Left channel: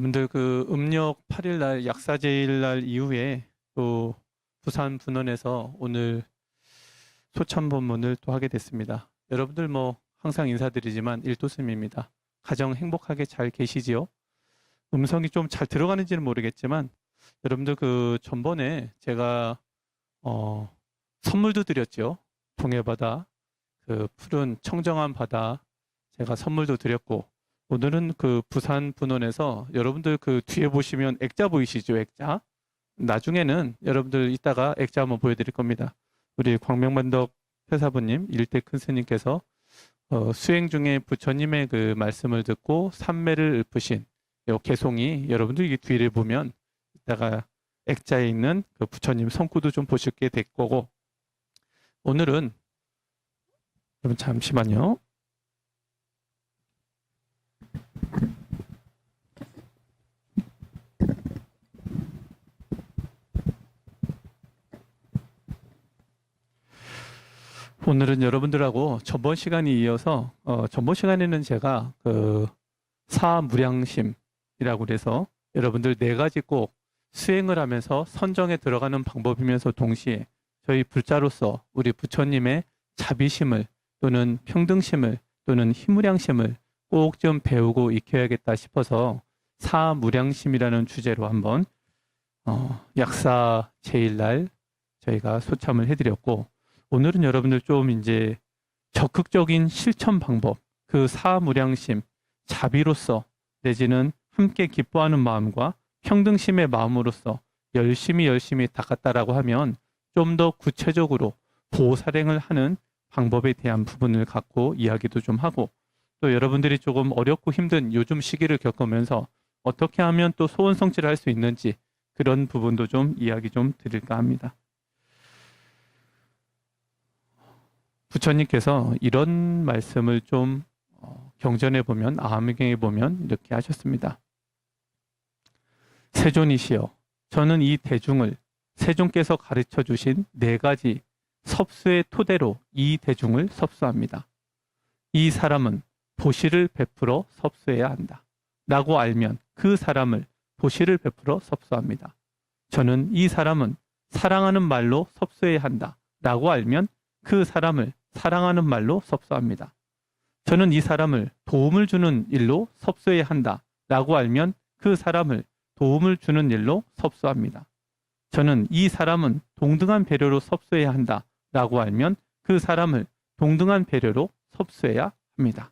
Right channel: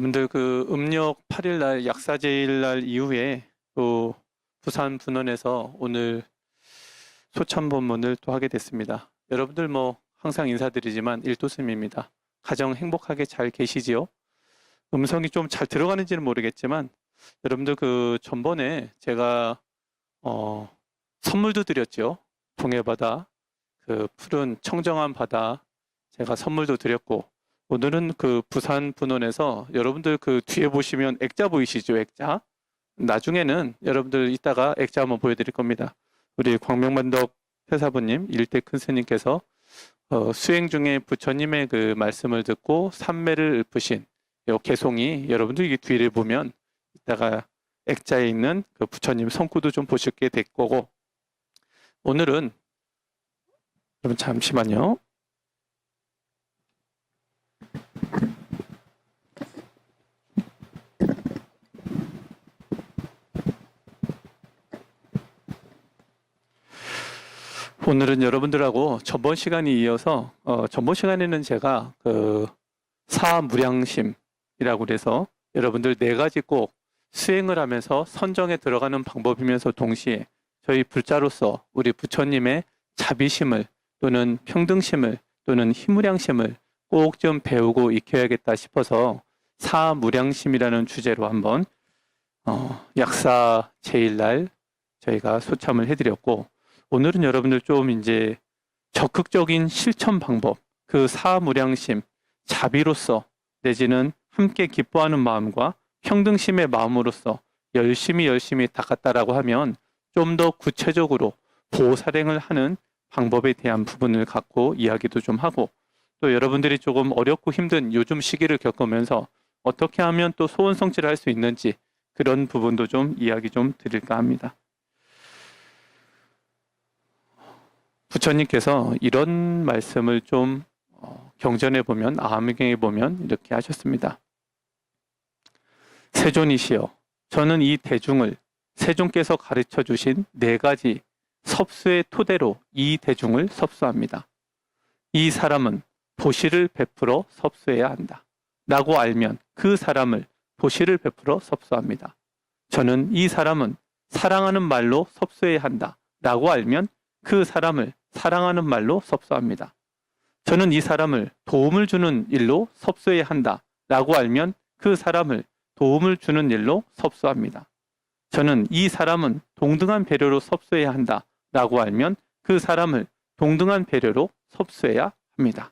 여러분들 그 음력 8일 날 약사제일 날 이후에 또 부산 분원에서 오늘 소참 본문을 또 하게 됐습니다. 여러분들 뭐 항상 인사드리지만 일도쌤입니다. 가정 행복하게 잘 계시지요? 음성이 좀 잘 들어가는지는 모르겠지만 여러분들 그 전번에 제가 선물도 드렸죠. 동해바다, 그 푸른 청정한 바다 제가 선물도 드렸고 오늘은 그 부산 분원에서 여러분들 그 뒤에 보시면 액자 보이시죠? 액자. 나중에는 여러분들 이따가 액자 한번 보여드릴 겁니다. 우리 광명반덕 회사부님, 일대 큰 스님께서 수행 중에 부처님의 그 말씀을 듣고 삼매를 읊으신 요 개송이 여러분들 이 뒤를 보면 이따가 액자에 있는 그 부처님 손구도 좀 보시게 될 거고 오늘은 여러분 잠시만요. 오늘은 여러분들하고 전번 시간에 이어서 전번 시간에는 제가 그 사무량심이라고 그래서 여러분들 네 가지 꼭 수행을 하면서 선정에 들어가는 방법이면서 동시에 저희 불자로서 우리 부처님의 자비심을 또는 평등심을 또는 희무량심을 꼭 좀 배우고 익혀야겠다 싶어서 사무량심이라는 주제로 한번 약사 제일날 저희가 소참을 해드렸고 오늘은 여러분들 좀 이제 적극적인 실천 방법, 그 사무량심, 자비로서 내지는 함께 기뻐하는 마음과 평등심의 마음으로서 열심히 닦았다라고 하면 좀 더 구체적으로 보살행을 하는 방법에 대한 부분을 갖고 이야기도 좀 하고 또 여러분들이 조금 어렵고 힘든 요즘 시기를 겪으면서 어떻게 하면 또 소원 성취를 할 수 있는지 그런 부분도 좀 이야기 좀 드릴까 합니다. 부처님께서 이런 말씀을 좀 경전에 보면 아함경에 보면 이렇게 하셨습니다. 세존이시여 저는 이 대중을 세존께서 가르쳐 주신 네 가지 섭수의 토대로 이 대중을 섭수합니다. 이 사람은 도시를 베풀어 섭수해야 한다 라고 알면 그 사람을 도시를 베풀어 섭수합니다. 저는 이 사람은 사랑하는 말로 섭수해야 한다 라고 알면 그 사람을 사랑하는 말로 섭수합니다. 저는 이 사람을 도움을 주는 일로 섭수해야 한다 라고 알면 그 사람을 도움을 주는 일로 섭수합니다. 저는 이 사람은 동등한 배려로 섭수해야 한다 라고 알면 그 사람을 동등한 배려로 섭수해야 합니다.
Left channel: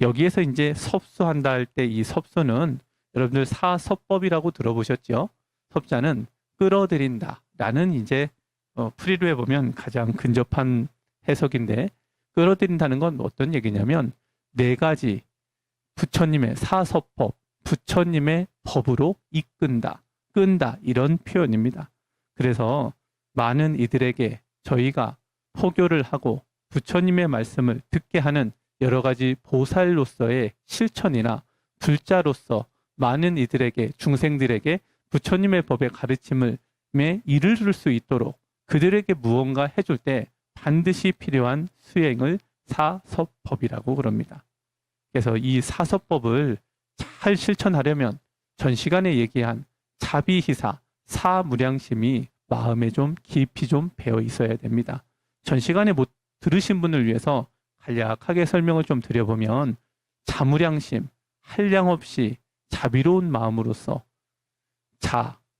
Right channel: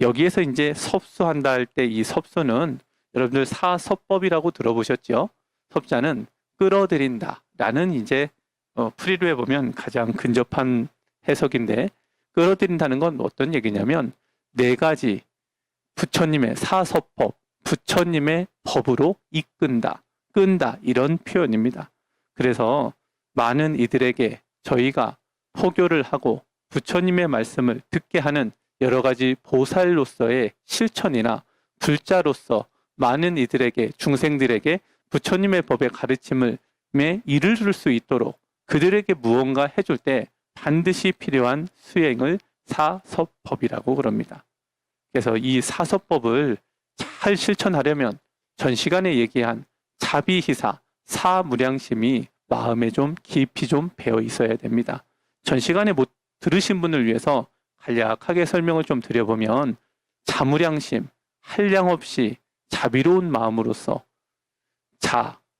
여기에서 이제 섭수한다 할 때 이 섭수는 여러분들 사섭법이라고 들어보셨죠? 섭자는 끌어들인다 라는 이제 프리루에 보면 가장 근접한 해석인데 끌어들인다는 건 어떤 얘기냐면 네 가지 부처님의 사섭법, 부처님의 법으로 이끈다, 끈다 이런 표현입니다. 그래서 많은 이들에게 저희가 포교를 하고 부처님의 말씀을 듣게 하는 여러 가지 보살로서의 실천이나 불자로서 많은 이들에게 중생들에게 부처님의 법의 가르침을 이를 수 있도록 그들에게 무언가 해줄 때 반드시 필요한 수행을 사섭법이라고 그럽니다. 그래서 이 사섭법을 잘 실천하려면 전 시간에 얘기한 자비희사, 사무량심이 마음에 좀 깊이 좀 배어 있어야 됩니다. 전 시간에 못 들으신 분을 위해서 간략하게 설명을 좀 드려보면 자무량심, 한량 없이 자비로운 마음으로서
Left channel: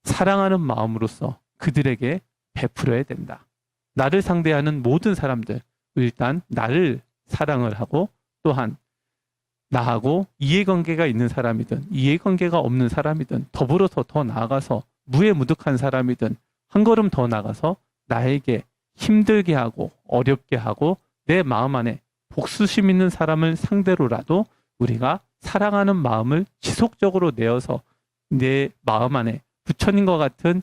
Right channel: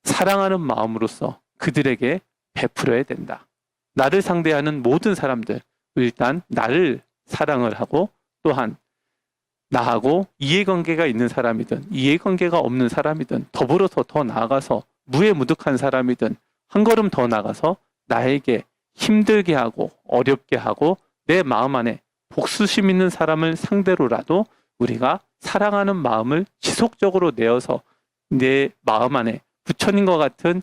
사랑하는 마음으로서 그들에게 베풀어야 된다. 나를 상대하는 모든 사람들, 일단 나를 사랑을 하고 또한 나하고 이해관계가 있는 사람이든 이해관계가 없는 사람이든 더불어서 더 나아가서 무해무득한 사람이든 한 걸음 더 나가서 나에게 힘들게 하고 어렵게 하고 내 마음 안에 복수심 있는 사람을 상대로라도 우리가 사랑하는 마음을 지속적으로 내어서 내 마음 안에 부처님과 같은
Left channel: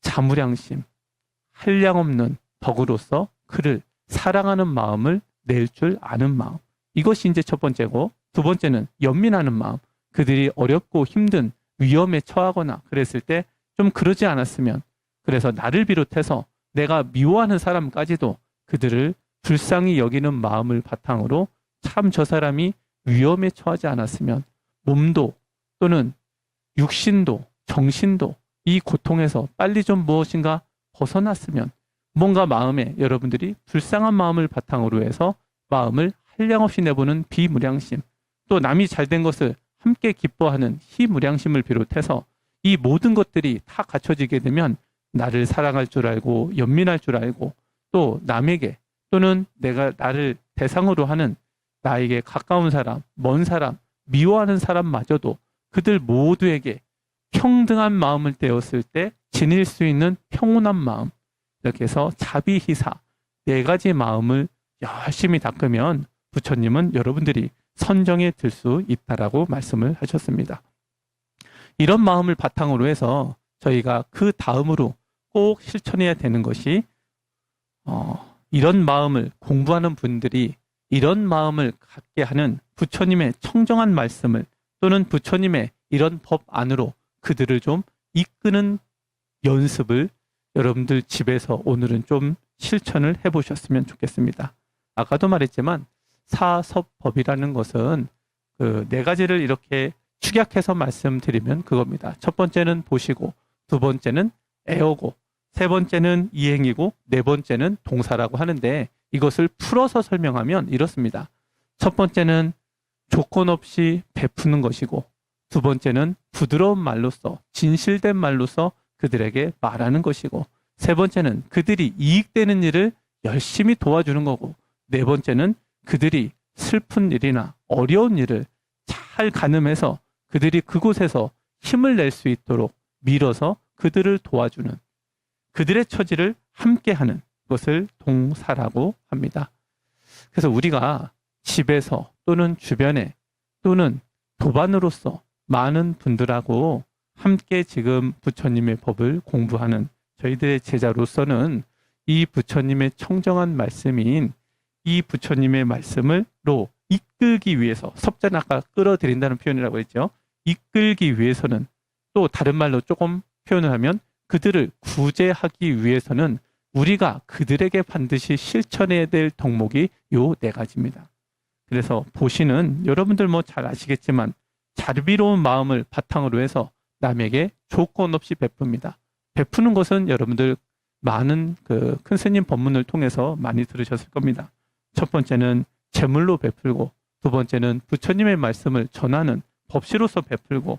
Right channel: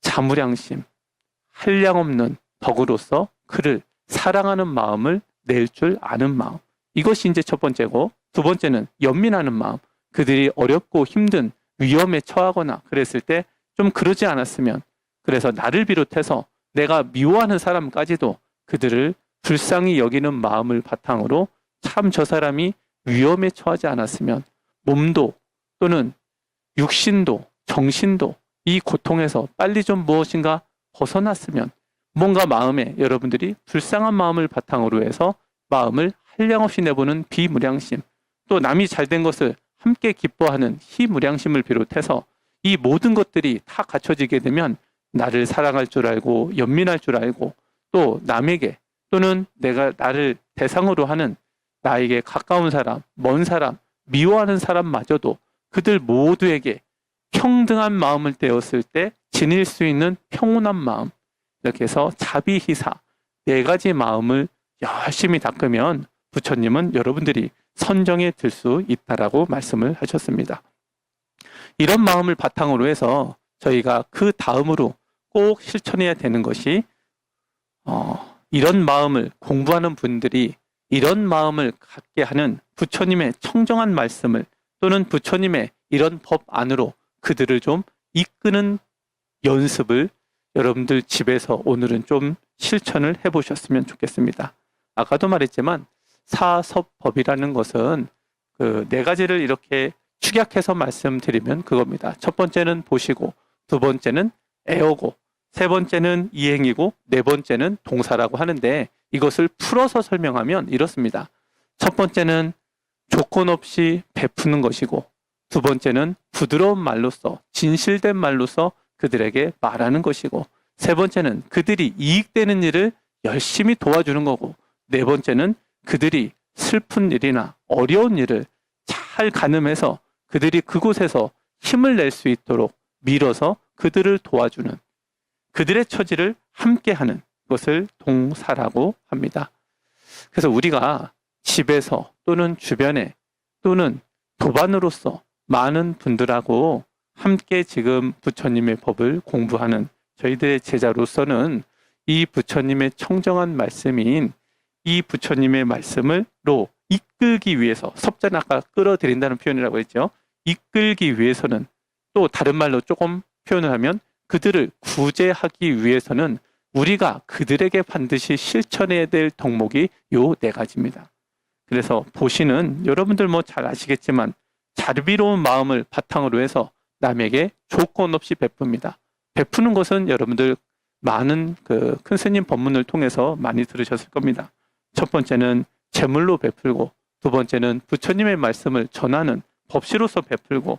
자무량심, 한량 없는 덕으로서 그를 사랑하는 마음을 낼 줄 아는 마음. 이것이 이제 첫 번째고 두 번째는 연민하는 마음. 그들이 어렵고 힘든 위험에 처하거나 그랬을 때 좀 그러지 않았으면 그래서 나를 비롯해서 내가 미워하는 사람까지도 그들을 불쌍히 여기는 마음을 바탕으로 참 저 사람이 위험에 처하지 않았으면 몸도 또는 육신도 정신도 이 고통에서 빨리 좀 무엇인가 벗어났으면, 뭔가 마음에 여러분들이 불쌍한 마음을 바탕으로 해서 마음을 한량없이 내보는 비무량심, 또 남이 잘된 것을 함께 기뻐하는 희무량심을 비롯해서 이 모든 것들이 다 갖춰지게 되면 나를 사랑할 줄 알고 연민할 줄 알고, 또 남에게 또는 내가 나를 대상으로 하는 나에게 가까운 사람, 먼 사람, 미워하는 사람마저도 그들 모두에게 평등한 마음을 떼었을 때 지닐 수 있는 평온한 마음, 이렇게 해서 자비희사 네 가지 마음을 열심히 닦으면 부처님은 여러분들이 선정에 들 수 있다라고 말씀을 하셨습니다. 이런 마음을 바탕으로 해서 저희가 그 다음으로 꼭 실천해야 되는 것이 이런 마음을 공부하는 분들이 이런 마음을 갖게 하는 부처님의 청정한 말씀을, 또는 부처님의 이런 법 안으로 그들을 좀 이끄는 연습을 여러분들 집에서 오늘은 좀 실천을 해보셨으면 좋겠습니다. 아까도 말했지만 사섭법이라는 것은 그 네 가지를 이렇게 축약해서 말씀드리면 그겁니다. 첫 번째는 보시고, 두 번째는 애오고, 세 번째는 이행이고, 네 번째는 동사라고 하는데, 이것을 풀어서 설명하면 이렇습니다. 첫 번째는 조건 없이 베푸는 것이고, 두 번째는 부드러운 말로써, 진실된 말로써 그들에게 말하는 것이고, 세 번째는 그들이 이익되는 일을 열심히 도와주는 거고, 네 번째는 그들이 슬픈 일이나 어려운 일을 잘 가늠해서 그들이 그곳에서 힘을 낼 수 있도록 밀어서 그들을 도와주는, 그들의 처지를 함께하는 것을 동사라고 합니다. 그래서 우리가 집에서 또는 주변에 또는 도반으로서 많은 분들하고 함께 지금 부처님의 법을 공부하는 저희들의 제자로서는 이 부처님의 청정한 말씀인 이 부처님의 말씀을로 이끌기 위해서, 섭자는 아까 끌어들인다는 표현이라고 했죠. 이끌기 위해서는, 또 다른 말로 조금 표현을 하면 그들을 구제하기 위해서는 우리가 그들에게 반드시 실천해야 될 덕목이 요 네 가지입니다. 그래서 보시는 여러분들 뭐 잘 아시겠지만 자비로운 마음을 바탕으로 해서 남에게 조건 없이 베풉니다. 베푸는 것은 여러분들 많은 그 큰 스님 법문을 통해서 많이 들으셨을 겁니다. 첫 번째는 제물로 베풀고, 두 번째는 부처님의 말씀을 전하는 법시로서 베풀고,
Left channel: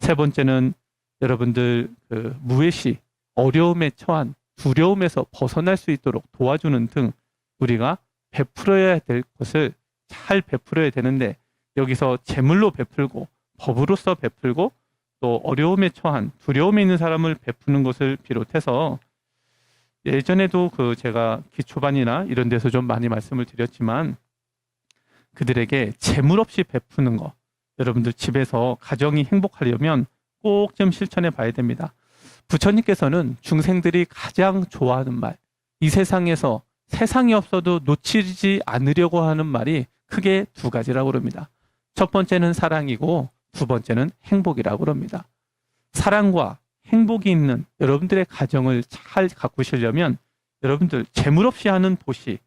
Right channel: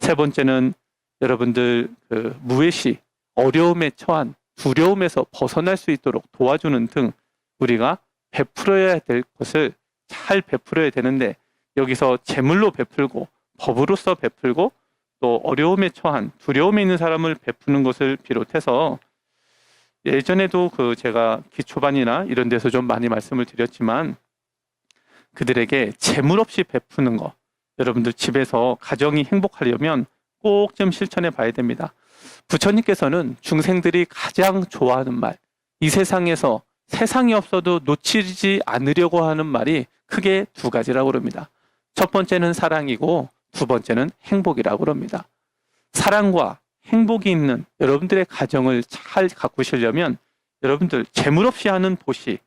세 번째는 여러분들 그 무해시 어려움에 처한 두려움에서 벗어날 수 있도록 도와주는 등 우리가 베풀어야 될 것을 잘 베풀어야 되는데, 여기서 제물로 베풀고 법으로서 베풀고 또 어려움에 처한 두려움에 있는 사람을 베푸는 것을 비롯해서, 예전에도 그 제가 기초반이나 이런 데서 좀 많이 말씀을 드렸지만 그들에게 재물 없이 베푸는 거, 여러분들 집에서 가정이 행복하려면 꼭 좀 실천해 봐야 됩니다. 부처님께서는 중생들이 가장 좋아하는 말, 이 세상에서 세상이 없어도 놓치지 않으려고 하는 말이 크게 두 가지라고 그럽니다. 첫 번째는 사랑이고 두 번째는 행복이라고 그럽니다. 사랑과 행복이 있는 여러분들의 가정을 잘 가꾸시려면 여러분들 재물 없이 하는 보시,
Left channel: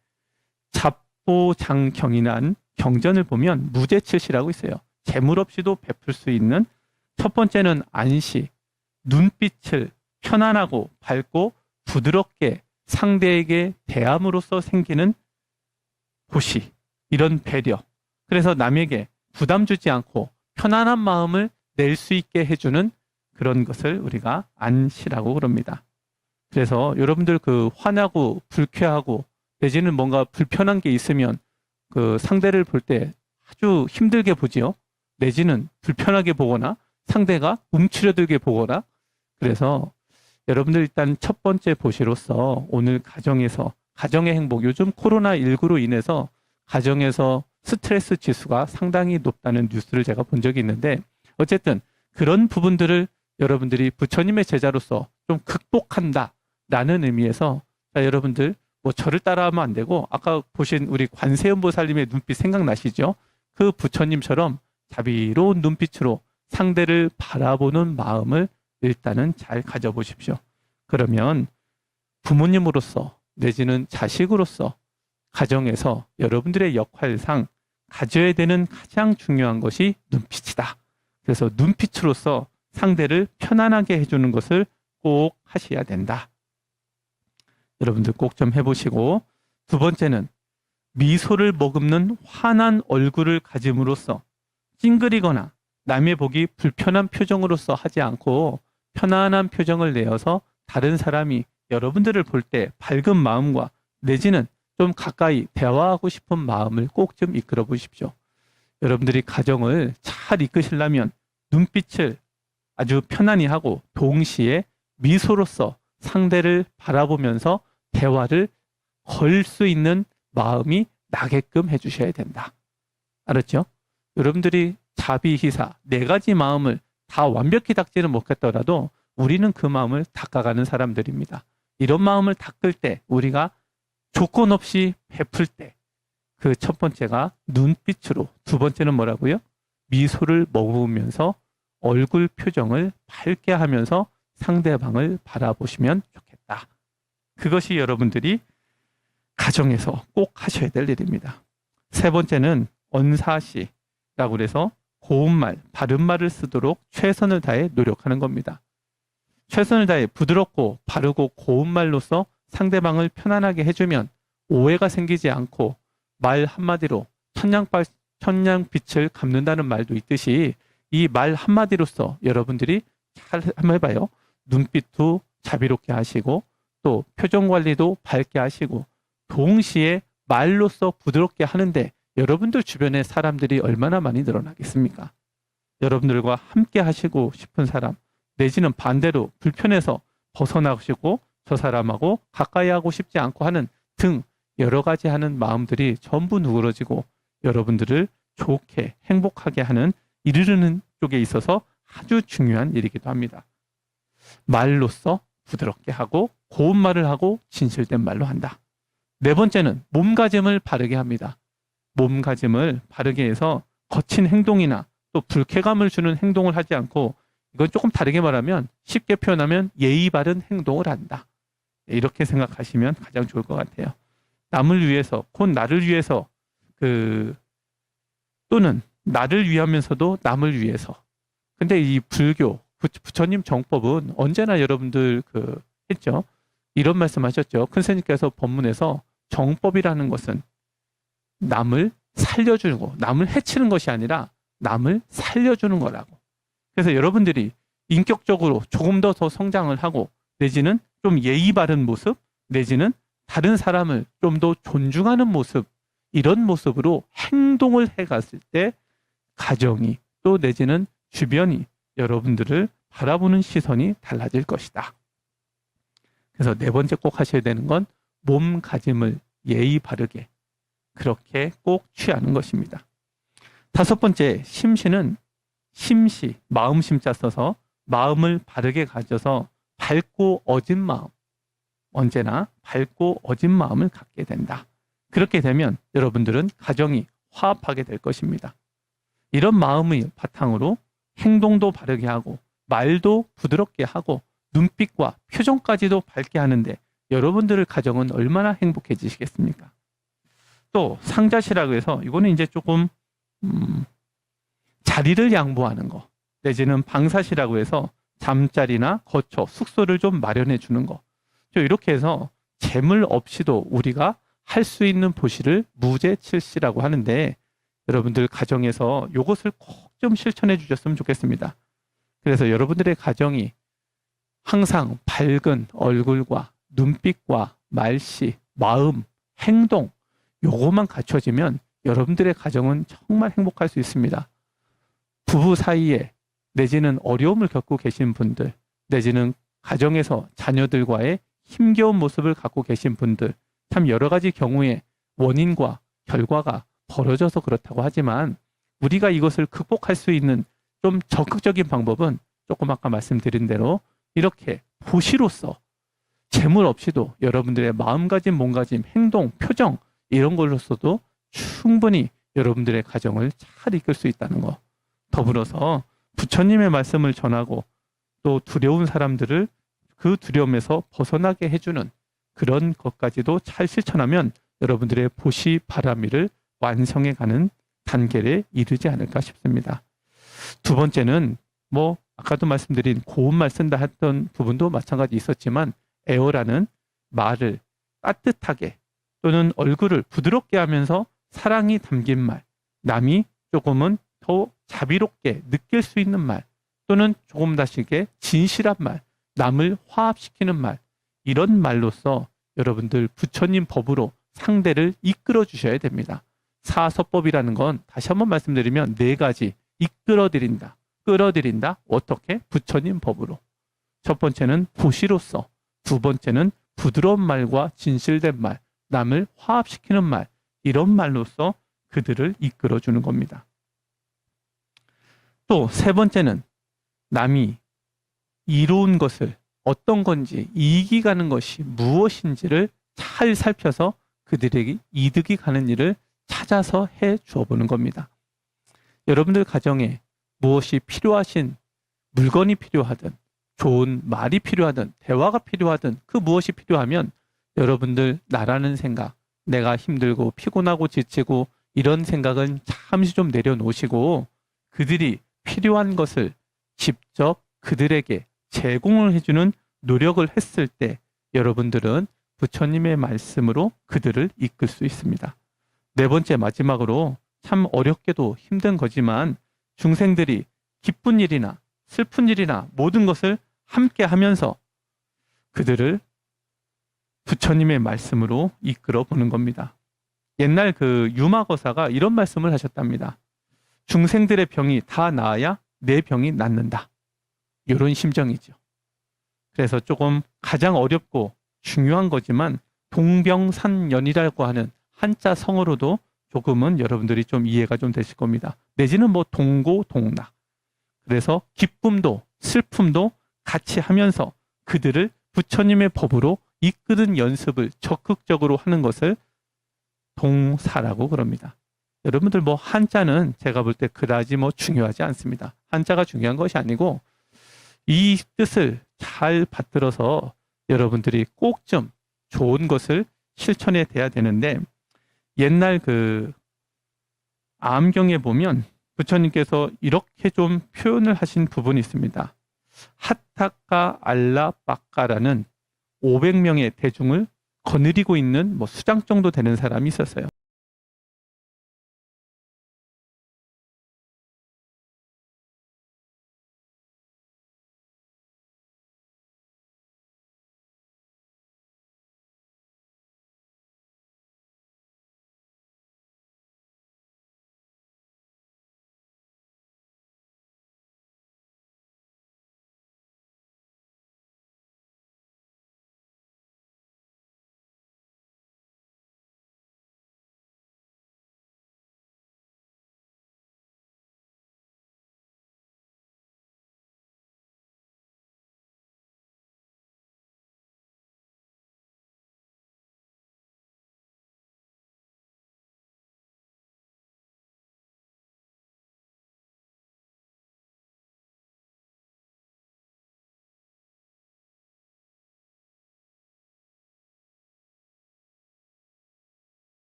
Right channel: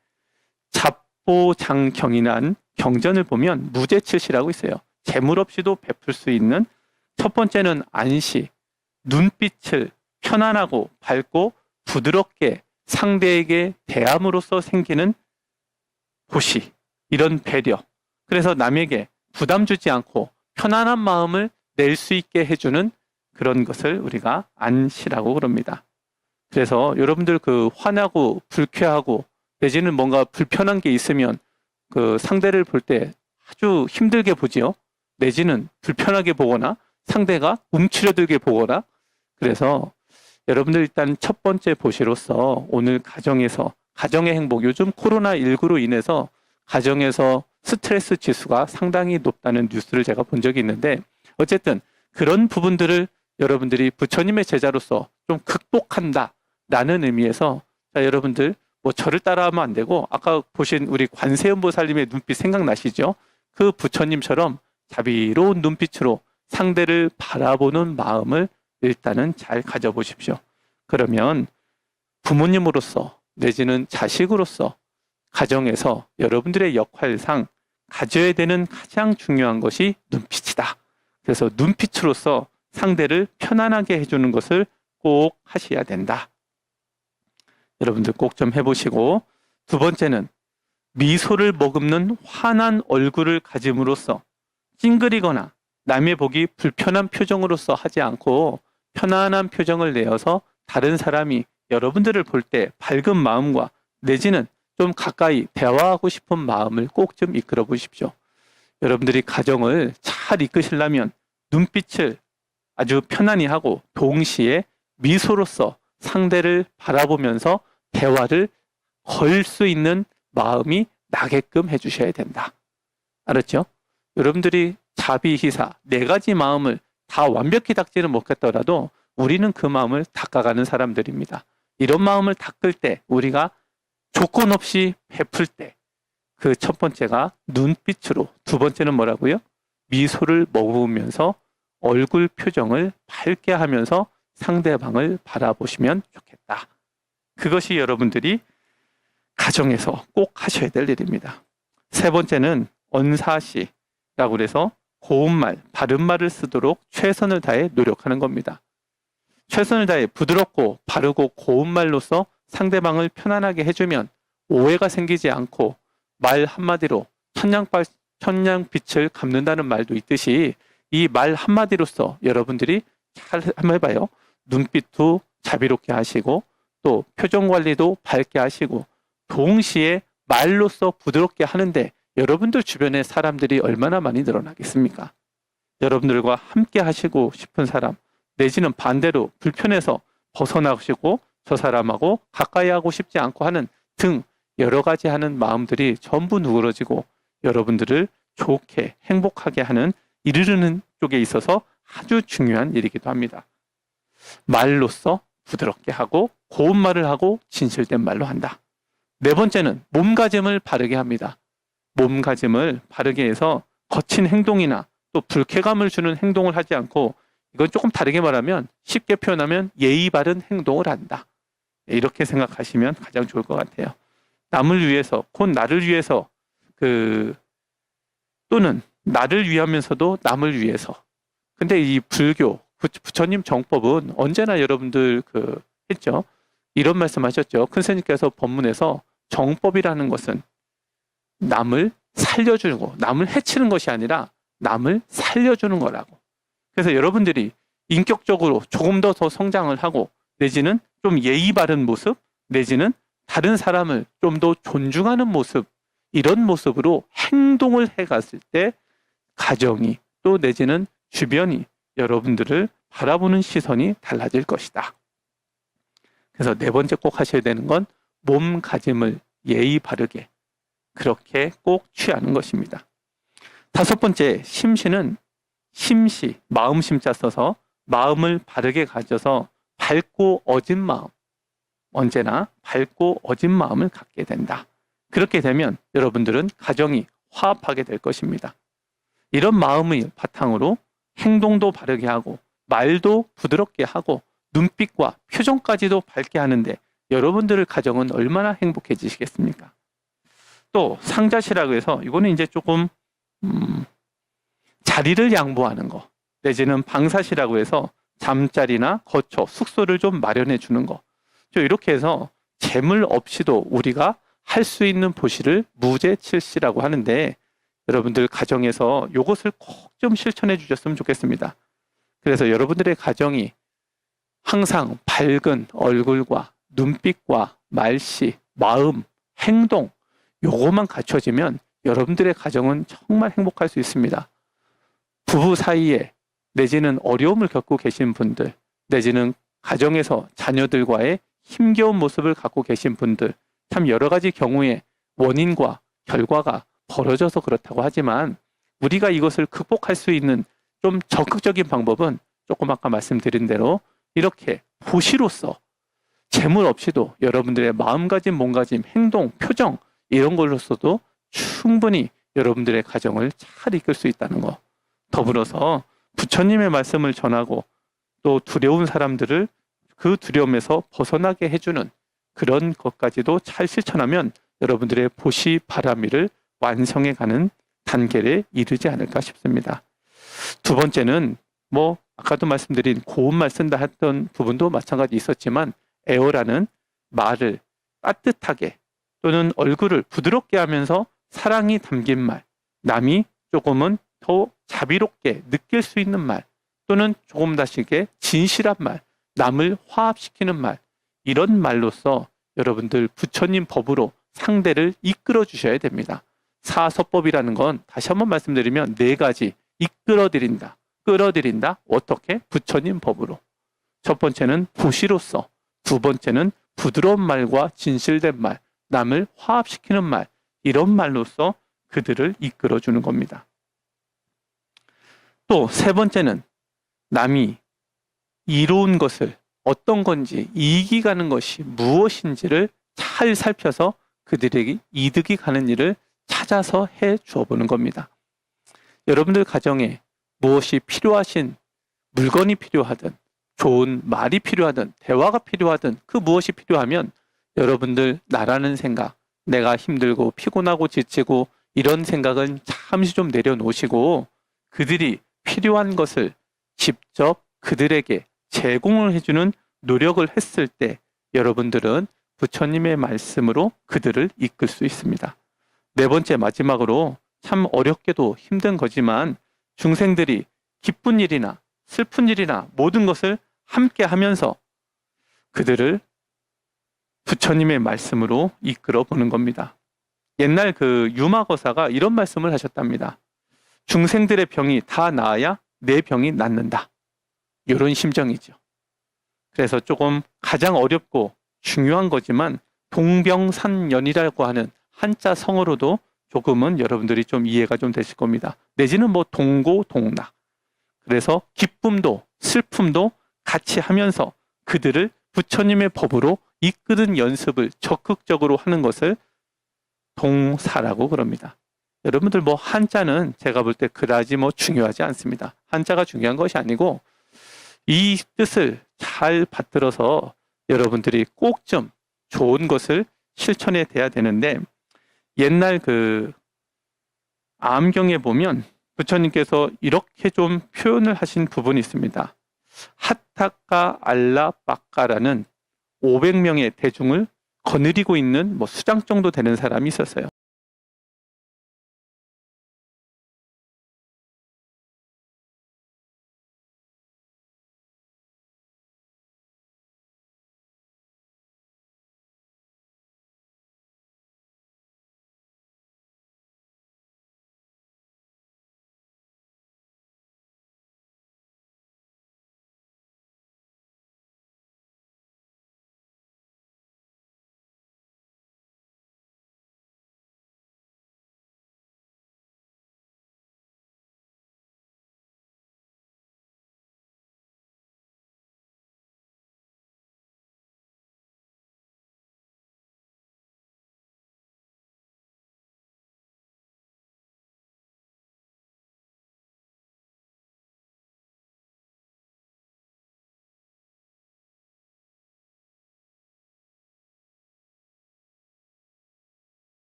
잡보장경이란 경전을 보면 무제칠시라고 있어요. 재물 없이도 베풀 수 있는, 첫 번째는 안시, 눈빛을 편안하고 밝고 부드럽게 상대에게 대함으로써 생기는 보시, 이런 배려, 그래서 남에게 부담 주지 않고 편안한 마음을 낼 수 있게 해주는 그런 것을 우리가 안시라고 그럽니다. 그래서 여러분들 그 화나고 불쾌하고 내지는 뭔가 불편한 게 있으면 그 상대를 볼 때 아주 힘들게 보지요. 내지는 불편하게 보거나 상대가 움츠려들게 보거나. 그래서 여러분들 일단 첫 번째 보시로서 오늘 가정에서 가정의 행복, 요즘 코로나19로 인해서 가정에서 스트레스 지수가 상당히 높다는 뉴스를 제가 본 적이 있는데, 어쨌든 그런 부분들을 여러분들이 부처님의 제자로서 좀 극복한다라는 의미에서, 자, 여러분들 뭐 저를 따라하면 안 되고 아까 보신 우리 관세음보살님의 눈빛 생각나시죠? 그 부처님처럼 자비로운 눈빛으로 상대를 바라보는 마음을 일단은 잘 가져보십시오. 그러면 부모님으로서 내지는 자식으로서 가정에서 여러분들의 역할상 가져야 되는 가장 중요한 것이 눈빛이다. 그래서 눈빛으로서 상대를 편안하게 해주는 것을 꼭 하셔야 된다. 여러분들 꼭 좀 해보시고, 두 번째는 미소를 머금는 환한 얼굴을 가짐으로써 찡그리거나 남의 보기 불편한 표정으로서 하지 않고 편안한 표정을 내어서 다른 사람이 여러분들을 볼 때 밝은 마음과 내지는 좀 가까이 대화하고 싶은 마음을 꼭 좀 이끌어 보십시오. 여러분들이 가정을 잘 이끄시려면 눈빛을 아주 편안히 하고 동시에 미소로서 상대를 바라보면서 대화를 걸 수 있는 마음이 나게끔 해주셔야 된다. 알았죠? 여러분들이 자비희사 네 가지 마음을 다 완벽히 닦지는 못했더라도 우리는 그 마음을 닦아가는 사람들입니다. 이런 마음을 닦을 때 우리가 조건 없이 베풀 때 그 첫 번째가 눈빛으로, 두 번째는 뭐라고요? 미소를 머금으면서 얼굴 표정을 밝게 하면서 상대방을 바라보시면 좋겠다. 그것이 여러분들이 가정에서 꼭 하셔야 될 일입니다. 세 번째는 언사시라고 해서 고운말, 바른말을 쓰도록 최선을 다해 노력하는 겁니다. 최선을 다해 부드럽고 바르고 고운말로서 상대방을 편안하게 해주면 오해가 생기지 않고 말 한마디로 천냥빛을 갚는다는 말도 있듯이 이 말 한마디로서 여러분들이 잘 한번 해봐요. 눈빛도 자비롭게 하시고 또 표정 관리도 밝게 하시고 동시에 말로써 부드럽게 하는데 여러분들 주변에 사람들이 얼마나 많이 늘어나겠습니까? 여러분들과 함께 하시고 싶은 사람 내지는 반대로 불편해서 벗어나시고 저 사람하고 가까이 하고 싶지 않고 하는 등 여러 가지 하는 마음들이 전부 누그러지고 여러분들을 좋게 행복하게 하는 이르르는 쪽에 있어서 아주 중요한 일이기도 합니다. 말로써 부드럽게 하고 고운 말을 하고 진실된 말로 한다. 네 번째는 몸가짐을 바르게 합니다. 몸가짐을 바르게 해서 거친 행동이나 또 불쾌감을 주는 행동을 하지 않고 이건 조금 다르게 말하면 쉽게 표현하면 예의 바른 행동을 한다. 이렇게 생각하시면 가장 좋을 것 같아요. 남을 위해서, 곧 나를 위해서 또는 나를 위하면서도 남을 위해서. 근데 이 불교, 부처님 정법은 언제나 여러분들 했죠. 이런 말씀하셨죠. 큰 스님께서 법문에서 정법이라는 것은 남을 살려주고 남을 해치는 것이 아니라 남을 살려주는 거라고. 그래서 여러분들이 인격적으로 조금 더 성장을 하고 내지는 좀 예의 바른 모습 내지는 다른 사람을 좀 더 존중하는 모습 이런 모습으로 행동을 해갔을 때 가정이 또 내지는 주변이 여러분들을 바라보는 시선이 달라질 것이다. 그래서 네 번째 꼭 하셔야 되는 건 몸가짐을 예의 바르게 그렇게 꼭 취하는 것입니다. 다섯 번째 심시는 심시, 마음 심자 써서 마음을 바르게 가져서 밝고 어진 마음 언제나 밝고 어진 마음을 갖게 된다. 그렇게 되면 여러분들은 가정이 화합하게 될 것입니다. 이런 마음의 바탕으로 행동도 바르게 하고 말도 부드럽게 하고 눈빛과 표정까지도 밝게 하는데 여러분들의 가정은 얼마나 행복해지시겠습니까? 또 상자시라고 해서 이거는 이제 조금 자리를 양보하는 거 내지는 방사시라고 해서 잠자리나 거처, 숙소를 좀 마련해 주는 거 이렇게 해서 재물 없이도 우리가 할 수 있는 보시를 무제칠시라고 하는데 여러분들 가정에서 이것을 꼭 좀 실천해 주셨으면 좋겠습니다. 그래서 여러분들의 가정이 항상 밝은 얼굴과 눈빛과 말씨, 마음, 행동 요것만 갖춰지면 여러분들의 가정은 정말 행복할 수 있습니다. 부부 사이에 내지는 어려움을 겪고 계신 분들 내지는 가정에서 자녀들과의 힘겨운 모습을 갖고 계신 분들 참 여러 가지 경우에 원인과 결과가 벌어져서 그렇다고 하지만 우리가 이것을 극복할 수 있는 좀 적극적인 방법은 조금 아까 말씀드린 대로 이렇게 보시로서 재물 없이도 여러분들의 마음가짐, 몸가짐, 행동, 표정 이런 걸로서도 충분히 여러분들의 가정을 잘 이끌 수 있다는 거. 더불어서 부처님의 말씀을 전하고 또 두려운 사람들을 그 두려움에서 벗어나게 해주는 그런 것까지도 잘 실천하면 여러분들의 보시 바라미를 완성해가는 단계에 이르지 않을까 싶습니다. 두 번째는 아까도 말씀드린 고운말 쓴다 했던 부분도 마찬가지 있었지만 에어라는 말을 따뜻하게 또는 얼굴을 부드럽게 하면서 사랑이 담긴 말, 남이 조금은 더 자비롭게 느낄 수 있는 말, 또는 조금 다시게 진실한 말, 남을 화합시키는 말, 이런 말로써 여러분들 부처님 법으로 상대를 이끌어 주셔야 됩니다. 사서법이라는 건 다시 한번 말씀드리면 네 가지: 이끌어드린다, 끌어들인다. 어떻게? 부처님 법으로. 첫 번째는 보시로서, 두 번째는 부드러운 말과 진실된 말, 남을 화합시키는 말, 이런 말로써 그들을 이끌어주는 겁니다. 또 세 번째는 남이 이로운 것을 어떤 건지, 이익이 가는 것이 무엇인지를 잘 살펴서 그들에게 이득이 가는 일을 찾아서 해 주어 보는 겁니다. 여러분들 가정에 무엇이 필요하신, 물건이 필요하든 좋은 말이 필요하든 대화가 필요하든 그 무엇이 필요하면 여러분들 나라는 생각, 내가 힘들고 피곤하고 지치고 이런 생각은 잠시 좀 내려놓으시고 그들이 필요한 것을 직접 그들에게 제공을 해주는 노력을 했을 때 여러분들은 부처님의 말씀으로 그들을 이끌 수 있습니다. 네 번째, 마지막으로 참 어렵게도 힘든 거지만 중생들이 기쁜 일이나 슬픈 일이나 모든 것을 함께 하면서 그들을 부처님의 말씀으로 이끌어 보는 겁니다. 옛날 그 유마거사가 이런 말씀을 하셨답니다. 중생들의 병이 다 나아야 내 병이 낫는다. 이런 심정이죠. 그래서 조금 가장 어렵고 중요한 거지만 동병산연이라고 하는 한자 성어로도 조금은 여러분들이 좀 이해가 좀 되실 겁니다. 내지는 뭐 동고동락. 그래서 기쁨도 슬픔도 같이 하면서 그들을 부처님의 법으로 이끄는 연습을 적극적으로 하는 것을 동사라고 그럽니다. 여러분들 뭐 한자는 제가 볼 때 그다지 뭐 중요하지 않습니다. 한자가 중요한 것이 아니고 이 뜻을 잘 받들어서 여러분들이 꼭 좀 좋은 것을 실천해 돼야 되는데, 옛날 그 암경에 보면 부처님께서 이렇게 좀 표현을 하신 부분이 있습니다. 하타카 알라 바카라는 500명의 대중을 거느리고 있는 뭐 수장 정도 되는 사람이 있었어요.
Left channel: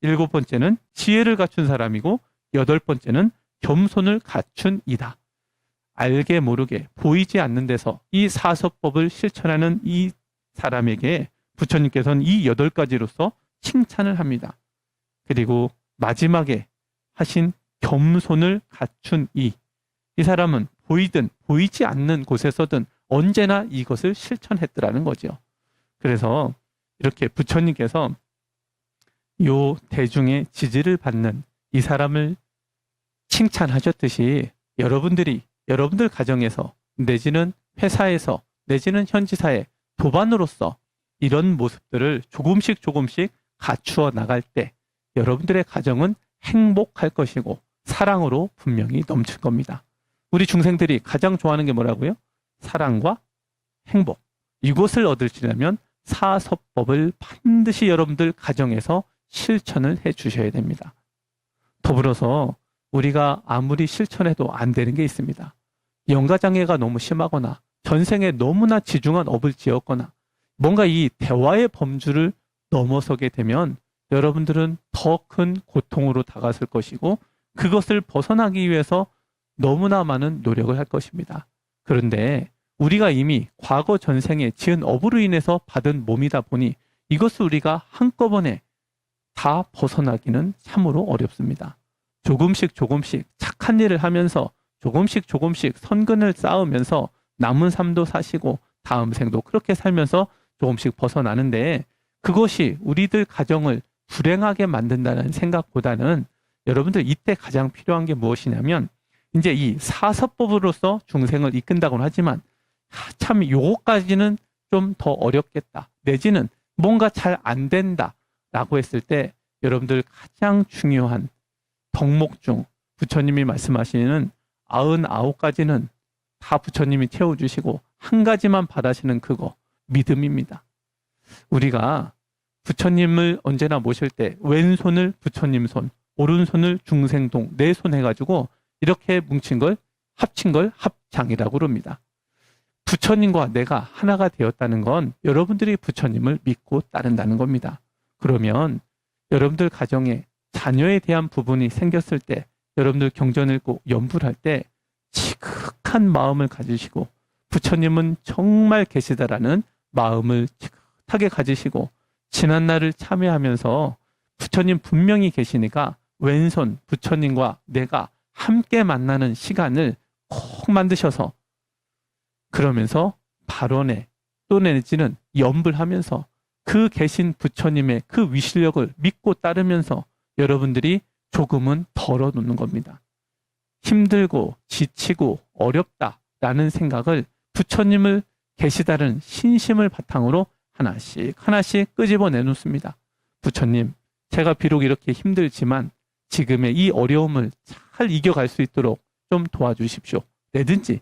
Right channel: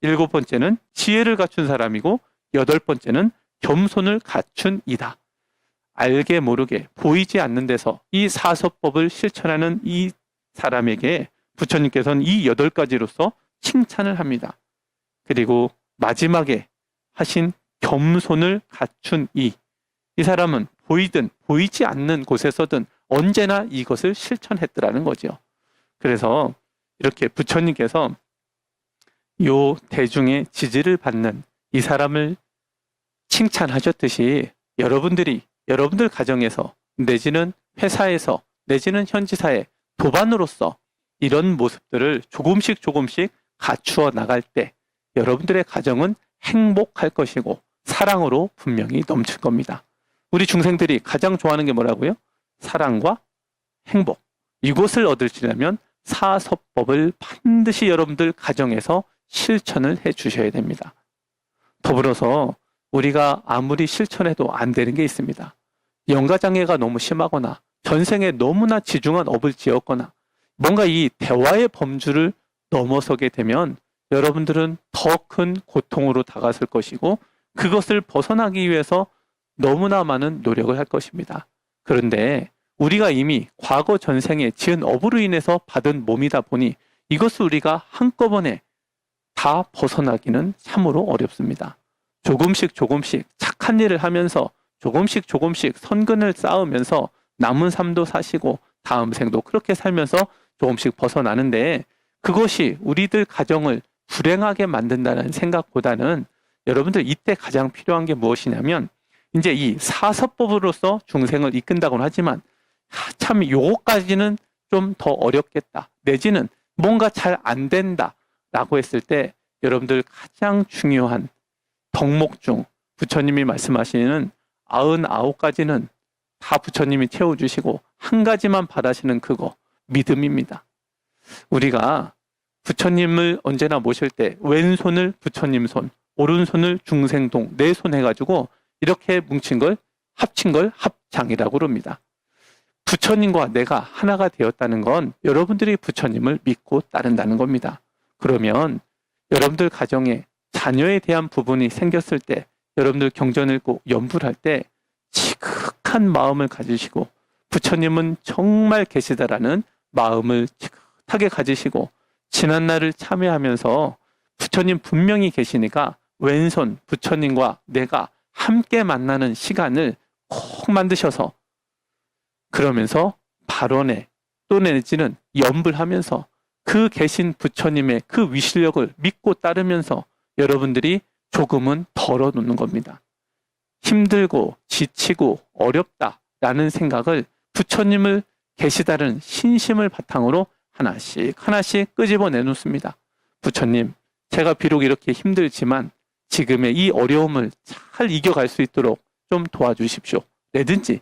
일곱 번째는 지혜를 갖춘 사람이고 여덟 번째는 겸손을 갖춘 이다. 알게 모르게 보이지 않는 데서 이 사서법을 실천하는 이 사람에게 부처님께서는 이 여덟 가지로서 칭찬을 합니다. 그리고 마지막에 하신 겸손을 갖춘 이 사람은 보이든 보이지 않는 곳에서든 언제나 이것을 실천했더라는 거죠. 그래서 이렇게 부처님께서 요 대중의 지지를 받는 이 사람을 칭찬하셨듯이 여러분들 가정에서 내지는 회사에서 내지는 현지사회 도반으로서 이런 모습들을 조금씩 갖추어 나갈 때 여러분들의 가정은 행복할 것이고 사랑으로 분명히 넘칠 겁니다. 우리 중생들이 가장 좋아하는 게 뭐라고요? 사랑과 행복. 이것을 얻으시려면 사서법을 반드시 여러분들 가정에서 실천을 해 주셔야 됩니다. 더불어서 우리가 아무리 실천해도 안 되는 게 있습니다. 영가장애가 너무 심하거나 전생에 너무나 지중한 업을 지었거나 뭔가 이 대화의 범주를 넘어서게 되면 여러분들은 더 큰 고통으로 다가설 것이고 그것을 벗어나기 위해서 너무나 많은 노력을 할 것입니다. 그런데 우리가 이미 과거 전생에 지은 업으로 인해서 받은 몸이다 보니 이것을 우리가 한꺼번에 다 벗어나기는 참으로 어렵습니다. 조금씩 조금씩 착한 일을 하면서 조금씩 선근을 쌓으면서 남은 삶도 사시고 다음 생도 그렇게 살면서 조금씩 벗어나는데 그것이 우리들 가정을 불행하게 만든다는 생각보다는 여러분들 이때 가장 필요한 게 무엇이냐면 이제 이 사서법으로서 중생을 이끈다고는 하지만 참 요거까지는 좀 더 어렵겠다. 내지는 뭔가 잘 안 된다 라고 했을 때 여러분들 가장 중요한 덕목 중 부처님이 말씀하시는 99가지는 다 부처님이 채워주시고 한 가지만 바라시는 그거 믿음입니다. 우리가 부처님을 언제나 모실 때 왼손을 부처님 손, 오른손을 중생동, 네 손 해가지고 이렇게 뭉친 걸 합친 걸 합장이라고 그럽니다. 부처님과 내가 하나가 되었다는 건 여러분들이 부처님을 믿고 따른다는 겁니다. 그러면 여러분들 가정에 자녀에 대한 부분이 생겼을 때 여러분들 경전 읽고 연불 할 때 지극한 마음을 가지시고 부처님은 정말 계시다라는 마음을 지긋하게 가지시고 지난날을 참회하면서 부처님 분명히 계시니까 왼손 부처님과 내가 함께 만나는 시간을 꼭 만드셔서 그러면서 발언에 또 내지는 연불하면서 그 계신 부처님의 그 위실력을 믿고 따르면서 여러분들이 조금은 덜어놓는 겁니다. 힘들고 지치고 어렵다라는 생각을 부처님을 계시다는 신심을 바탕으로 하나씩 끄집어 내놓습니다. 부처님, 제가 비록 이렇게 힘들지만 지금의 이 어려움을 잘 이겨갈 수 있도록 좀 도와주십시오. 내든지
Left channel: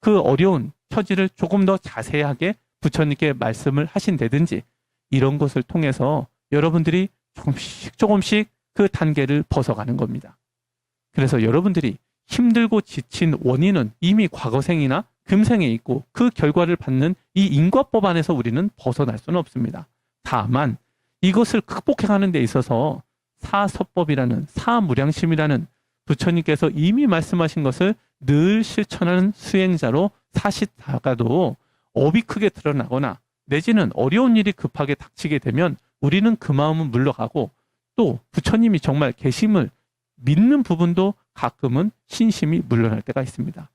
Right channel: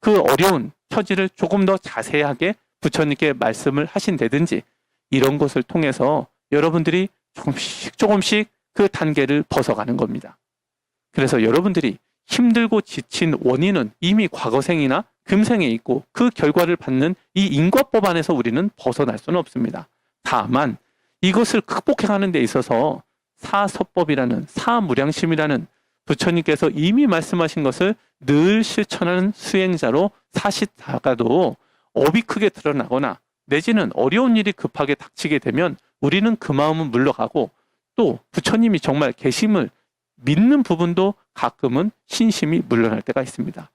그 어려운 처지를 조금 더 자세하게 부처님께 말씀을 하신다든지 이런 것을 통해서 여러분들이 조금씩 그 단계를 벗어가는 겁니다. 그래서 여러분들이 힘들고 지친 원인은 이미 과거생이나 금생에 있고 그 결과를 받는 이 인과법 안에서 우리는 벗어날 수는 없습니다. 다만 이것을 극복해가는 데 있어서 사서법이라는 사무량심이라는 부처님께서 이미 말씀하신 것을 늘 실천하는 수행자로 사시다가도 업이 크게 드러나거나 내지는 어려운 일이 급하게 닥치게 되면 우리는 그 마음은 물러가고 또 부처님이 정말 계심을 믿는 부분도 가끔은 신심이 물러날 때가 있습니다.